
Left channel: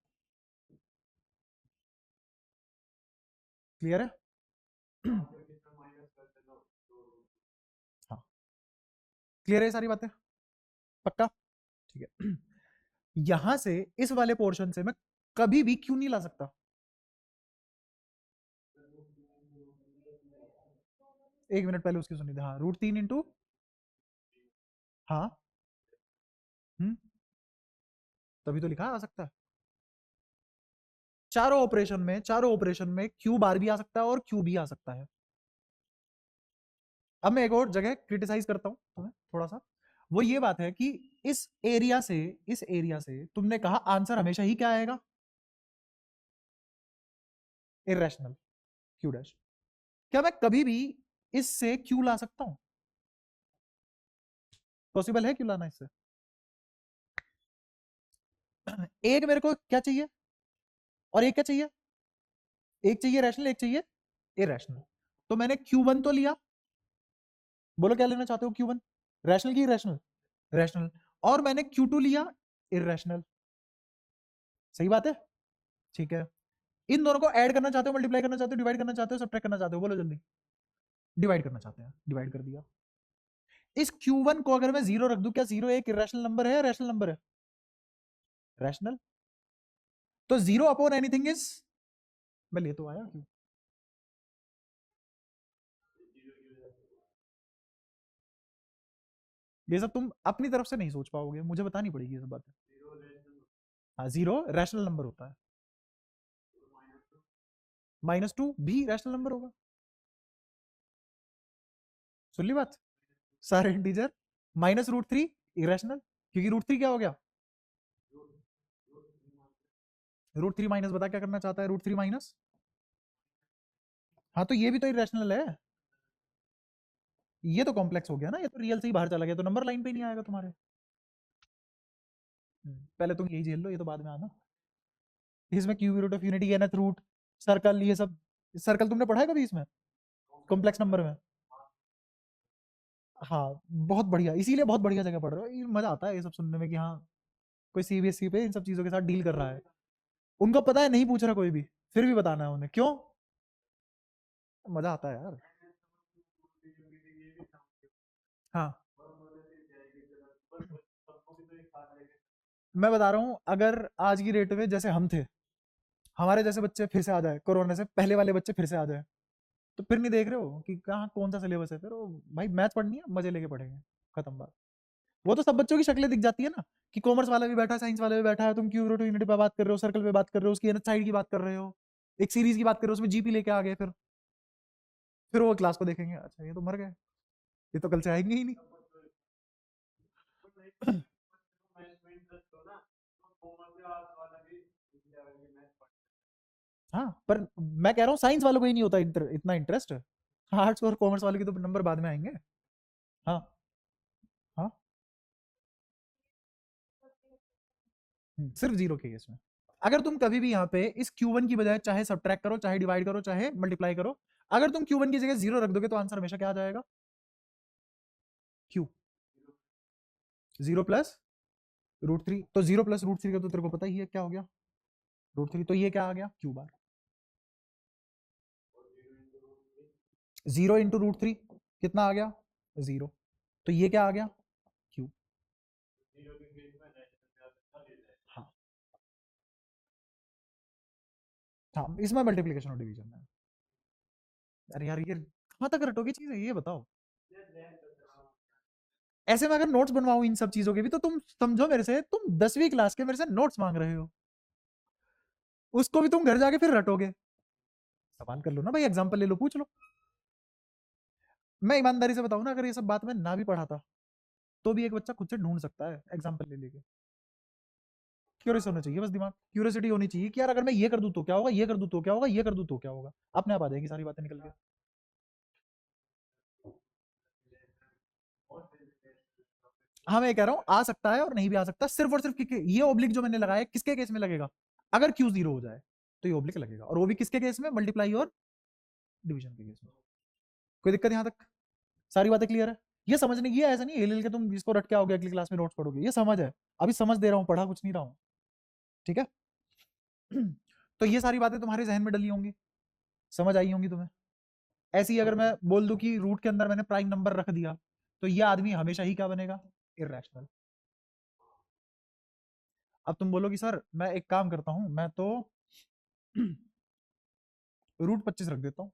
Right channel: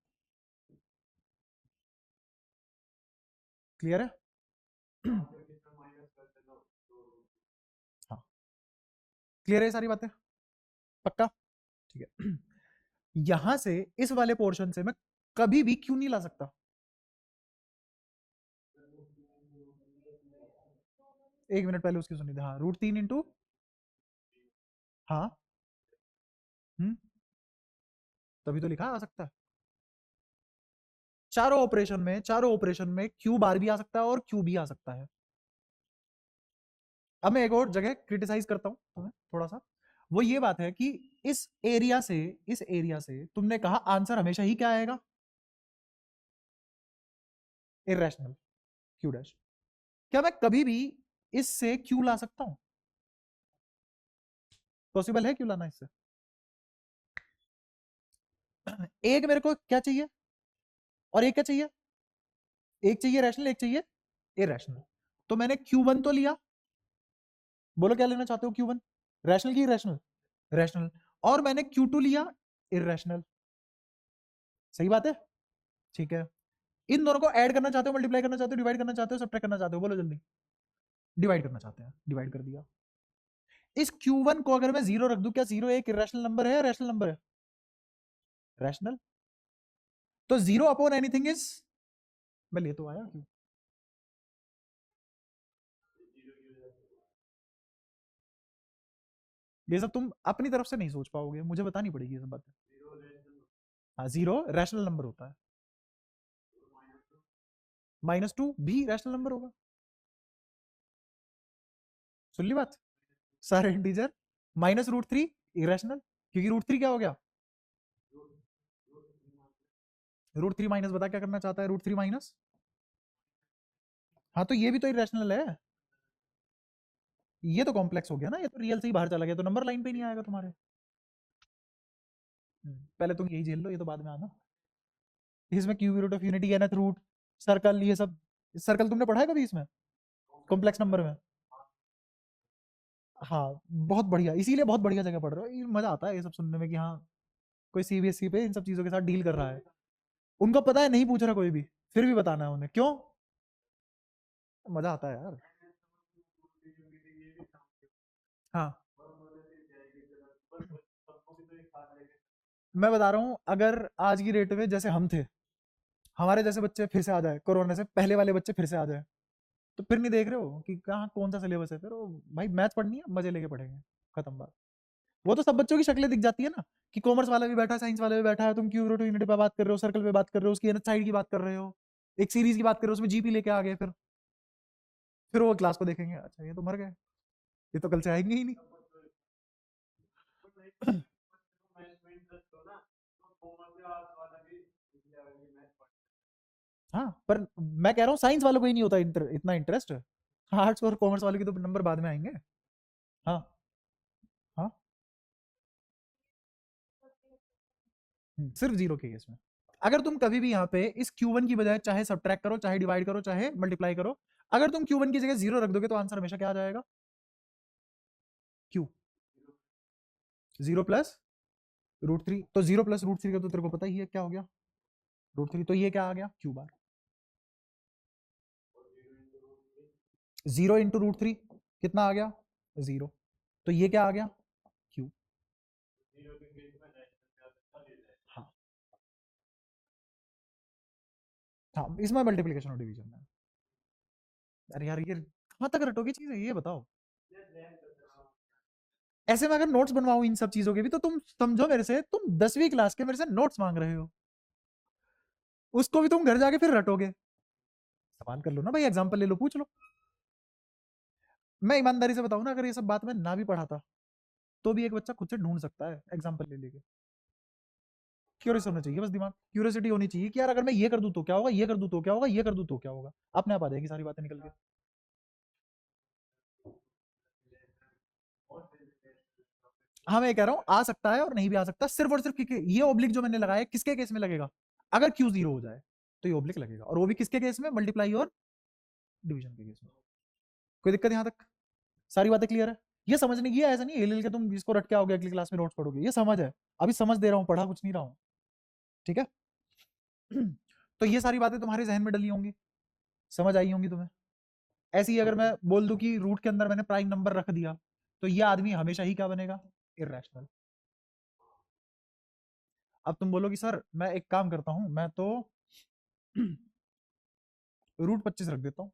क्लियर है। हाँ, क्लियर है सारी बातें, पक्का, ठीक है। यहां से इस वाले पोर्शन से मैं कभी भी क्यों नहीं ला सकता, 1 मिनट पहले उसकी सुनी थी, हाँ, √3 इंटू, हाँ, तभी तो लिखा आ सकता है, चारों ऑपरेशन में क्यू बार भी आ सकता है और क्यू भी आ सकता है। अब मैं एक और जगह क्रिटिसाइज करता हूँ तुम्हें थोड़ा सा, वो ये बात है कि इस एरिया से इस एरिया से तुमने कहा आंसर हमेशा ही क्या आएगा, इरेशनल, क्यू डैश। क्या मैं कभी भी इससे क्यू ला सकता हूँ, पॉसिबल है क्यू लाना इससे। एक मेरे को क्या चाहिए और एक क्या चाहिए, एक चाहिए रैशनल, एक चाहिए इरेशनल, तो मैंने Q1 तो लिया, बोलो क्या लेना चाहते हो, Q1 रैशनल की इरेशनल, रैशनल, और मैंने Q2 लिया इरेशनल, सही बात है, ठीक है। इन दोनों को ऐड करना चाहते हो, मल्टीप्लाई करना चाहते हो, डिवाइड करना चाहते हो, सब्ट्रैक्ट करना चाहते हो, बोलो जल्दी। डिवाइड करना चाहते हैं, डिवाइड कर दिया। इस Q1 को अगर मैं 0 रख दूं, क्या 0 एक इरेशनल नंबर है या रैशनल नंबर है, रैशनल, तो 0/एनीथिंग इज, मैं ले तो आया क्यों, ये सब तुम अपनी तरफ से नहीं सोच पाओगे, मुझे बतानी पड़ेगी ये सब बातें। हाँ, 0 रैशनल नंबर होता है, -2 भी रैशनल नंबर होगा। सुन ली बात? सारे इंटीजर -√3 इरेशनल, क्योंकि √3 क्या हो गया? √3 माइनस, बता क्या करना चाहता है √3 माइनस? हाँ तो ये भी तो इरेशनल है, ये तो कॉम्प्लेक्स हो गया ना, ये तो रियल से ही बाहर चला गया, तो नंबर लाइन पे नहीं आएगा तुम्हारे। पहले तुम यही झेल लो, ये तो बाद में आना। इसमें cube root of unity, nth root, circle, ये सब। सर्कल तुमने पढ़ा कभी इसमें कॉम्प्लेक्स नंबर में? हाँ बहुत बढ़िया, इसीलिए बहुत बढ़िया जगह पढ़ रहे हो, ये मजा आता है ये सब सुनने में कि हाँ कोई सीबीएसई भी इन सब चीजों के साथ डील कर रहा है। उनको पता है नहीं पूछ रहा कोई भी, फिर भी बताना है उन्हें, क्यों? मजा आता है यार। हाँ मैं बता रहा हूँ, अगर आज की डेट में जैसे हम थे, हमारे जैसे बच्चे फिर से आ जाए, कोरोना से पहले वाले बच्चे फिर से आ जाए, तो फिर नहीं देख रहे हो कि कहाँ कौन सा सिलेबस है, फिर वो भाई मैथ पढ़नी है, मजे लेके पढ़ेंगे, खत्म बात। वो तो सब बच्चों की शक्लें दिख जाती है ना, कि कॉमर्स वाला भी बैठा है, साइंस वाला भी बैठा है, तुम क्यूब रूट यूनिटी पे बात कर रहे हो, सर्कल पे बात कर रहे हो, उसकी एनथ साइड की बात कर रहे हो, एक सीरीज की बात कर रहे हो, उसमें जीपी लेके आ गए, फिर वो क्लास को देखेंगे, अच्छा ये तो मर गए, ये तो कल से आएंगे ही नहीं। हाँ पर मैं कह रहा हूँ साइंस वालों को ही नहीं होता इतना इंटरेस्ट है, आर्ट्स और कॉमर्स वाले के तो नंबर बाद में आएंगे। हाँ हाँ। सिर्फ जीरो के केस में, अगर तुम कभी भी यहाँ पे इस Q1 की बजाय चाहे सब्ट्रैक्ट करो, चाहे डिवाइड करो, चाहे मल्टीप्लाई करो, अगर तुम Q1 की जगह जीरो रख दोगे तो आंसर हमेशा क्या आ जाएगा? Q, 0 + √3, तो 0 + √3 का तो तेरे को पता ही है क्या हो गया, √3, तो ये क्या आ गया? Q बार। 0 × √3 कितना आ गया? 0, तो ये क्या आ गया? Q। हाँ हाँ, इसमें मल्टीप्लीकेशन और डिवीजन है। अरे यार ये कहाँ तक रटोगी चीज़ है, ये बताओ। ऐसे में अगर नोट्स बनवाऊं इन सब चीजों के भी, तो तुम समझो मेरे से, तुम 10वीं क्लास के मेरे से नोट्स मांग रहे हो, उसको भी तुम घर जाके फिर रटोगे। सवाल कर लो ना भाई, एग्जाम्पल ले लो, पूछ लो। मैं ईमानदारी से बताऊं ना, अगर ये सब बात मैं ना भी पढ़ा था, तो भी एक बच्चा खुद से ढूंढ सकता है एग्जाम्पल ले लेके। क्यूरियस होना चाहिए बस, दिमाग क्यूरियोसिटी होनी चाहिए कि यार अगर मैं ये कर दूं तो क्या होगा, ये कर दूं तो क्या होगा, ये कर दूं तो क्या होगा, अपने आप आ जाएगी सारी बातें निकल के। हाँ मैं कह रहा हूँ आ सकता है और नहीं भी आ सकता, सिर्फ और सिर्फ ये ओब्लिक जो मैंने लगाया किसके केस में लगेगा? अगर क्यू जीरो हो जाए तो ये ओब्लिक लगेगा, और वो भी किसके केस में? मल्टीप्लाई और डिवीजन के केस में। कोई दिक्कत यहाँ तक? सारी बातें क्लियर है? ये समझने की है, ऐसा नहीं एल एल के तुम जिसको रट के आओगे अगली क्लास में नोट्स पढ़ोगे, ये समझ है, अभी समझ दे रहा हूँ, पढ़ा कुछ नहीं रहा हूँ। ठीक है? तो ये सारी बातें तुम्हारे जहन में डली होंगी, समझ आई होंगी तुम्हें। ऐसे ही अगर मैं बोल दूं कि रूट के अंदर मैंने प्राइम नंबर रख दिया, तो ये आदमी हमेशा ही क्या बनेगा? इरेशनल। अब तुम बोलोगी सर मैं एक काम करता हूँ, मैं तो √25 रख देता हूँ,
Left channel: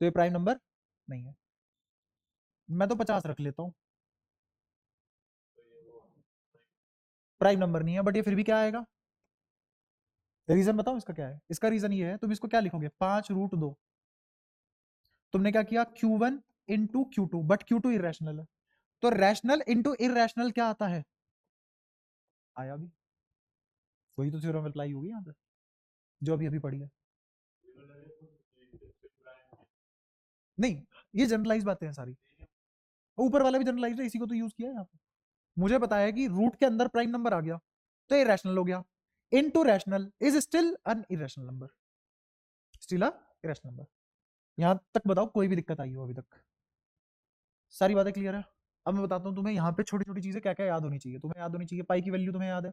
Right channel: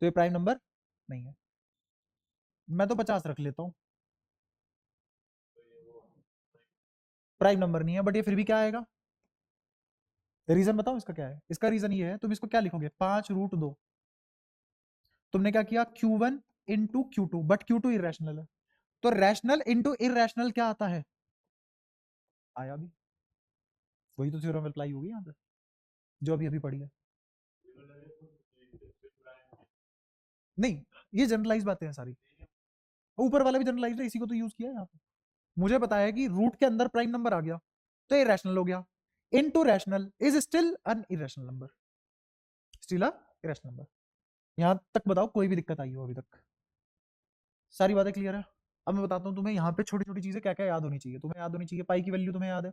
तो ये प्राइम नंबर नहीं है। मैं तो 50 रख लेता हूँ, प्राइम नंबर नहीं है, बट ये फिर भी क्या आएगा? रीजन बताओ इसका क्या है? इसका रीजन ये है, तुम इसको क्या लिखोगे? 5√2। तुमने क्या किया? Q1 into Q2, but Q2 irrational है, तो रैशनल इंटू इरेशनल क्या आता है? आया भी, वही तो थ्योरम अप्लाई होगी यहाँ पे, जो अभी अभी पढ़ी है। नहीं, ये जनरलाइज बातें हैं सारी, ऊपर वाला भी जनरलाइज है, इसी को तो यूज किया है यहाँ पे। मुझे पता है कि रूट के अंदर प्राइम नंबर आ गया तो ये रैशनल हो गया, into rational is still an irrational number, still a irrational number. यहाँ तक बताओ कोई भी दिक्कत आई हो अभी तक? सारी बातें क्लियर है? अब मैं बताता हूँ तुम्हें यहाँ पे छोटी छोटी चीजें क्या क्या याद होनी चाहिए। तुम्हें याद होनी चाहिए पाई की वैल्यू, तुम्हें याद है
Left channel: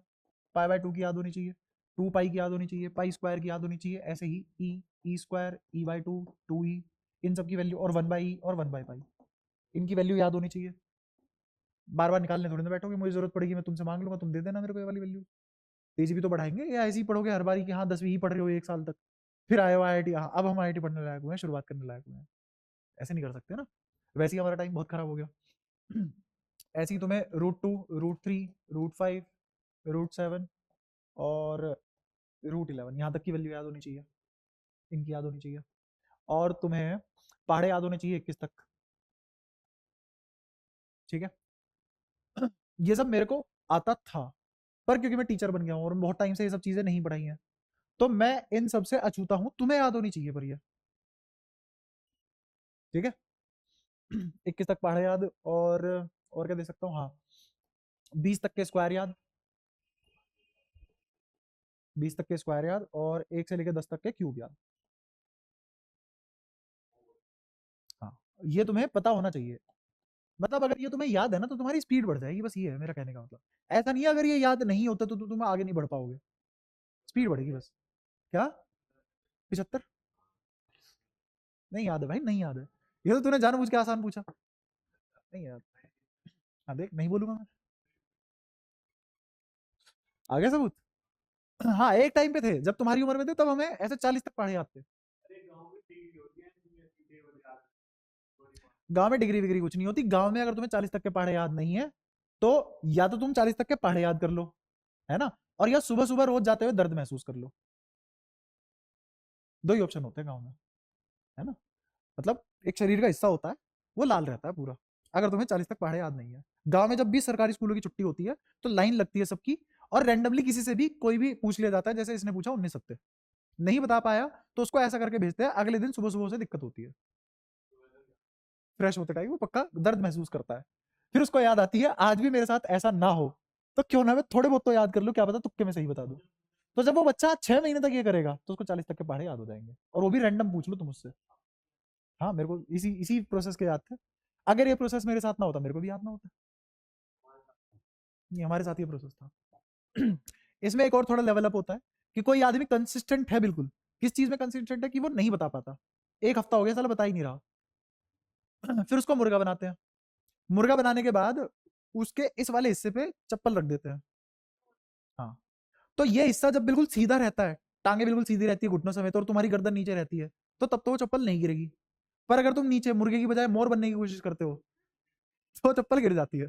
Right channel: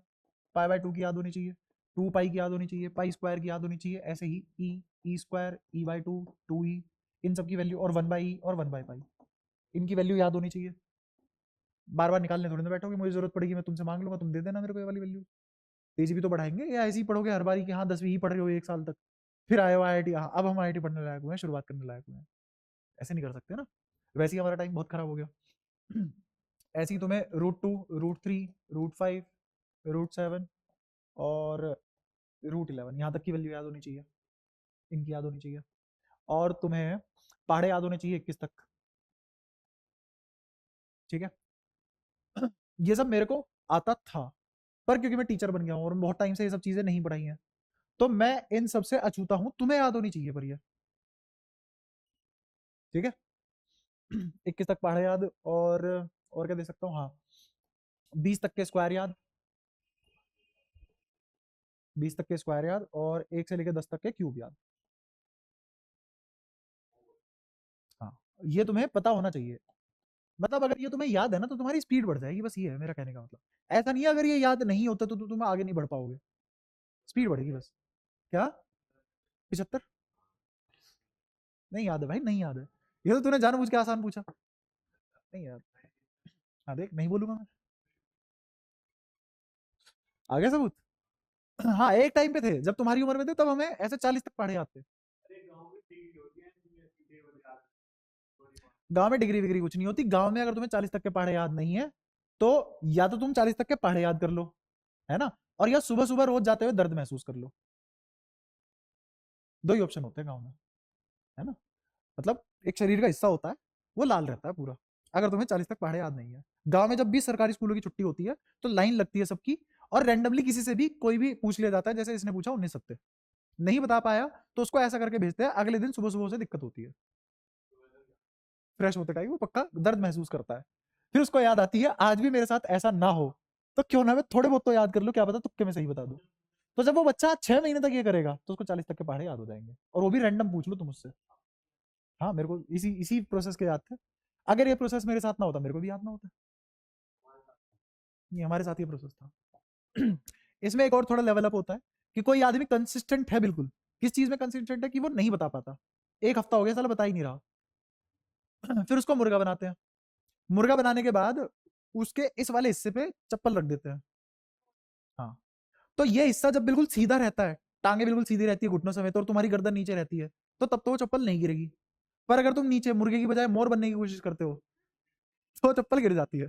पाई/2 की याद होनी चाहिए, 2 पाई की याद होनी चाहिए, पाई स्क्वायर की याद होनी चाहिए, ऐसे ही ई स्क्वायर, ई/2, 2e, इन सब की वैल्यू, और 1/e और 1/पाई, इनकी वैल्यू याद होनी चाहिए। बार बार निकालने थोड़ी ना बैठोगे, मुझे जरूरत पड़ेगी मैं तुमसे मांग लूंगा, तुम दे देना मेरे को ये वाली वैल्यू। तेजी भी तो बढ़ाएंगे, या ऐसे ही पढ़ोगे हर बारी कि हाँ 10वीं ही पढ़ रहे हो 1 साल तक, फिर आए हो IIT, हाँ अब हम IIT पढ़ने लायक हुए हैं, शुरुआत करने लायक हुए हैं? ऐसे नहीं कर सकते ना, वैसे ही हमारा टाइम बहुत खराब हो गया। ऐसे ही तुम्हें √2, √3, √5, √7 और √11 यहाँ तक की वैल्यू याद होनी चाहिए, इनकी याद होनी चाहिए। और तुम्हें पहाड़े याद होने चाहिए 21 तक, ठीक है। ये सब मेरे को आता था, पर क्योंकि मैं टीचर बन गया हूँ और बहुत टाइम से ये सब चीजें नहीं पढ़ाई हैं, तो मैं इन सब से अछूता हूँ। तुम्हें याद होनी चाहिए पर ये, ठीक है। 21 तक पहाड़े याद, और क्या दे सकता हूँ, हाँ 20 तक के स्क्वायर याद, 20 तक के स्क्वायर याद, और 1 से लेकर 10 तक के क्यूब याद। हाँ, ये तुम्हें पता होना चाहिए। मतलब अगर ये तुम्हें याद है ना तो तुम्हारी स्पीड बढ़ जाएगी, बस ये है मेरा कहने का मतलब। ऐसा नहीं है अगर ये याद नहीं होता तो तुम आगे नहीं बढ़ पाओगे, स्पीड बढ़ेगी बस। क्या 75? नहीं याद है भाई, नहीं याद है। ये तो तूने जानबूझ के आसान पूछा। नहीं याद। हाँ देख, नहीं बोलूंगा मैं। आगे सबूत। हाँ एक टाइम पे थे, जब तुम्हारी उम्र में थे तब हमें ऐसे 40 तक पढ़े जाते। गांव में डिग्री विग्री कुछ नहीं होती। गांव में अगर तुम्हें 40 तक के पहाड़े याद नहीं है तो या तो तुम 40 तक के पहाड़े याद कर लो, है ना, और या सुबह सुबह रोज जाते हुए दर्द महसूस कर लो। दो ही ऑप्शन होते हैं गाँव में, है ना। मतलब एक शरीर का हिस्सा होता है, वो लाल रहता है पूरा, अगर तुम्हें 40 तक पहाड़े याद नहीं है। गांव में जब भी सरकारी स्कूलों की छुट्टी होती है तो लाइन लगती है सबकी, और रैंडमली किसी से भी कोई भी पूछ लिया जाता है, जैसे इसने पूछा 19 सत्ते, नहीं बता पाया तो उसको ऐसा करके भेजते हैं, अगले दिन सुबह सुबह से दिक्कत होती है, फ्रेश होते टाइम वो पक्का दर्द महसूस करता है। फिर उसको याद आती है आज भी मेरे साथ ऐसा ना हो, तो क्यों ना मैं थोड़े बहुत तो याद कर लूं, क्या पता तुक्के में सही बता दूं। तो जब वो बच्चा 6 महीने तक ये करेगा तो उसको 40 तक के पहाड़े याद हो जाएंगे, और वो भी रैंडम पूछ लो तुम उससे। हाँ मेरे को इसी इसी प्रोसेस के याद थे। अगर ये प्रोसेस मेरे साथ ना होता मेरे को भी याद ना होता। ये हमारे साथ ये प्रोसेस था। इसमें एक और थोड़ा लेवल अप होता है कि कोई आदमी कंसिस्टेंट है बिल्कुल, किस चीज में कंसिस्टेंट है कि वो नहीं बता पाता, एक हफ्ता हो गया साला बता ही नहीं रहा। फिर उसको मुर्गा बनाते हैं, मुर्गा बनाने के बाद उसके इस वाले हिस्से पे चप्पल रख देते हैं। हाँ, तो ये हिस्सा जब बिल्कुल सीधा रहता है, टांगे बिल्कुल सीधी रहती है घुटनों समेत, और तुम्हारी गर्दन नीचे रहती है, तो तब तो वो चप्पल नहीं गिरेगी। पर अगर तुम नीचे मुर्गे की बजाय मोर बनने की कोशिश करते हो तो वो चप्पल गिर जाती है।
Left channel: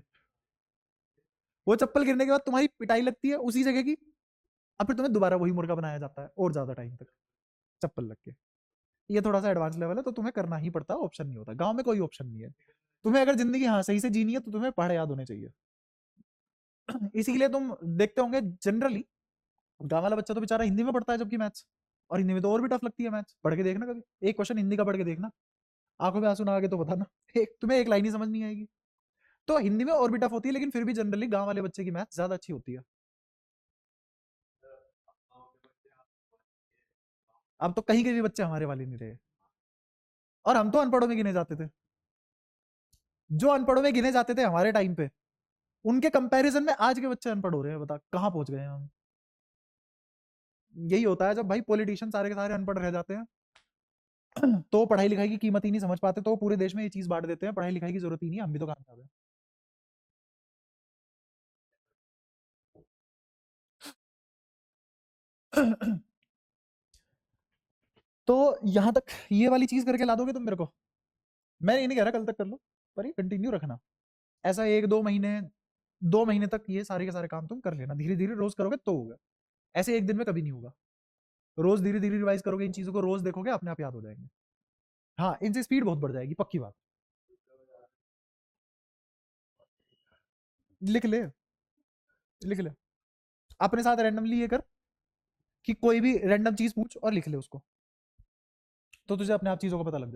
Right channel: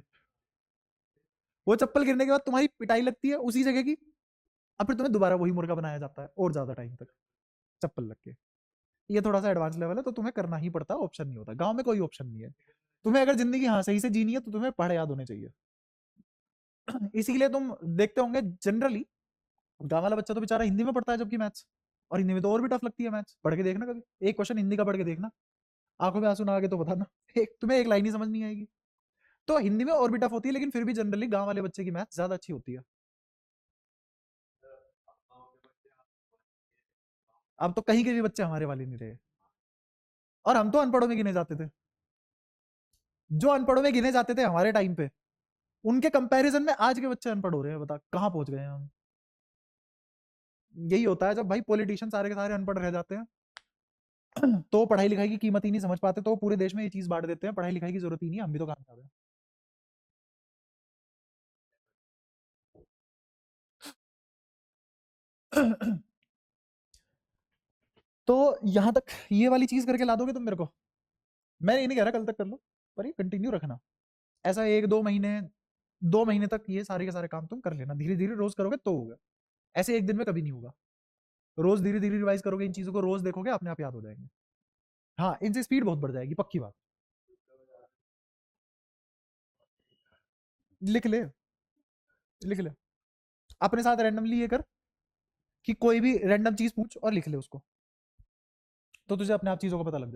वो चप्पल गिरने के बाद तुम्हारी पिटाई लगती है उसी जगह की, और फिर तुम्हें दोबारा वही मुर्गा बनाया जाता है और ज्यादा टाइम तक चप्पल लग के। ये थोड़ा सा एडवांस लेवल है, तो तुम्हें करना ही पड़ता है, ऑप्शन नहीं होता। गांव में कोई ऑप्शन नहीं है। तुम्हें अगर जिंदगी हाँ सही से जीनी है तो तुम्हें पहाड़े याद होने चाहिए। इसीलिए तुम देखते होंगे जनरली गांव वाला बच्चा तो बेचारा हिंदी में पढ़ता है जबकि मैथ्स, और हिंदी में तो और भी टफ लगती है मैथ्स। पढ़ के देखना कभी एक क्वेश्चन हिंदी का, पढ़ के देखना, आंखों में आंसू ना आगे तो बताना। तुम्हें एक लाइन ही समझ नहीं आएगी। तो हिंदी में और भी टफ होती है, लेकिन फिर भी जनरली गांव वाले बच्चे की मैथ्स ज्यादा अच्छी होती है। अब तो कहीं के भी बच्चे हमारे वाले नहीं रहे, और हम तो अनपढ़ों में गिने जाते थे। जो अनपढ़ों में गिने जाते थे हमारे टाइम पे, उनके कंपैरिजन में आज के बच्चे अनपढ़ हो रहे हैं, बता कहाँ पहुंच गए हैं हम। यही होता है जब भाई पॉलिटिशियन सारे के सारे अनपढ़ रह जाते हैं, तो पढ़ाई लिखाई की कीमत ही नहीं समझ पाते, तो पूरे देश में ये चीज बांट देते हैं, पढ़ाई लिखाई की जरूरत ही नहीं है, हम भी तो काम कर रहे हैं। तो यहाँ तक ये वाली चीज करके ला दोगे तुम मेरे को, मैं ये नहीं कह रहा कल तक कर लो, पर ये कंटिन्यू रखना। ऐसा 1-2 महीने, 2 महीने तक ये सारे के सारे काम तुम कर लेना, धीरे धीरे रोज करोगे तो होगा। ऐसे एक दिन में कभी नहीं होगा। रोज धीरे धीरे रिवाइज करोगे, इन चीजों को रोज देखोगे, अपने आप याद हो जाएंगे। हाँ इनसे स्पीड बहुत बढ़ जाएगी, पक्की बात। लिख ले, लिख ले, अपने साथ रैंडमली ये कर कि कोई भी रैंडम चीज पूछ और लिख ले उसको, तो तुझे अपने आप चीजों का पता लग जाएगा।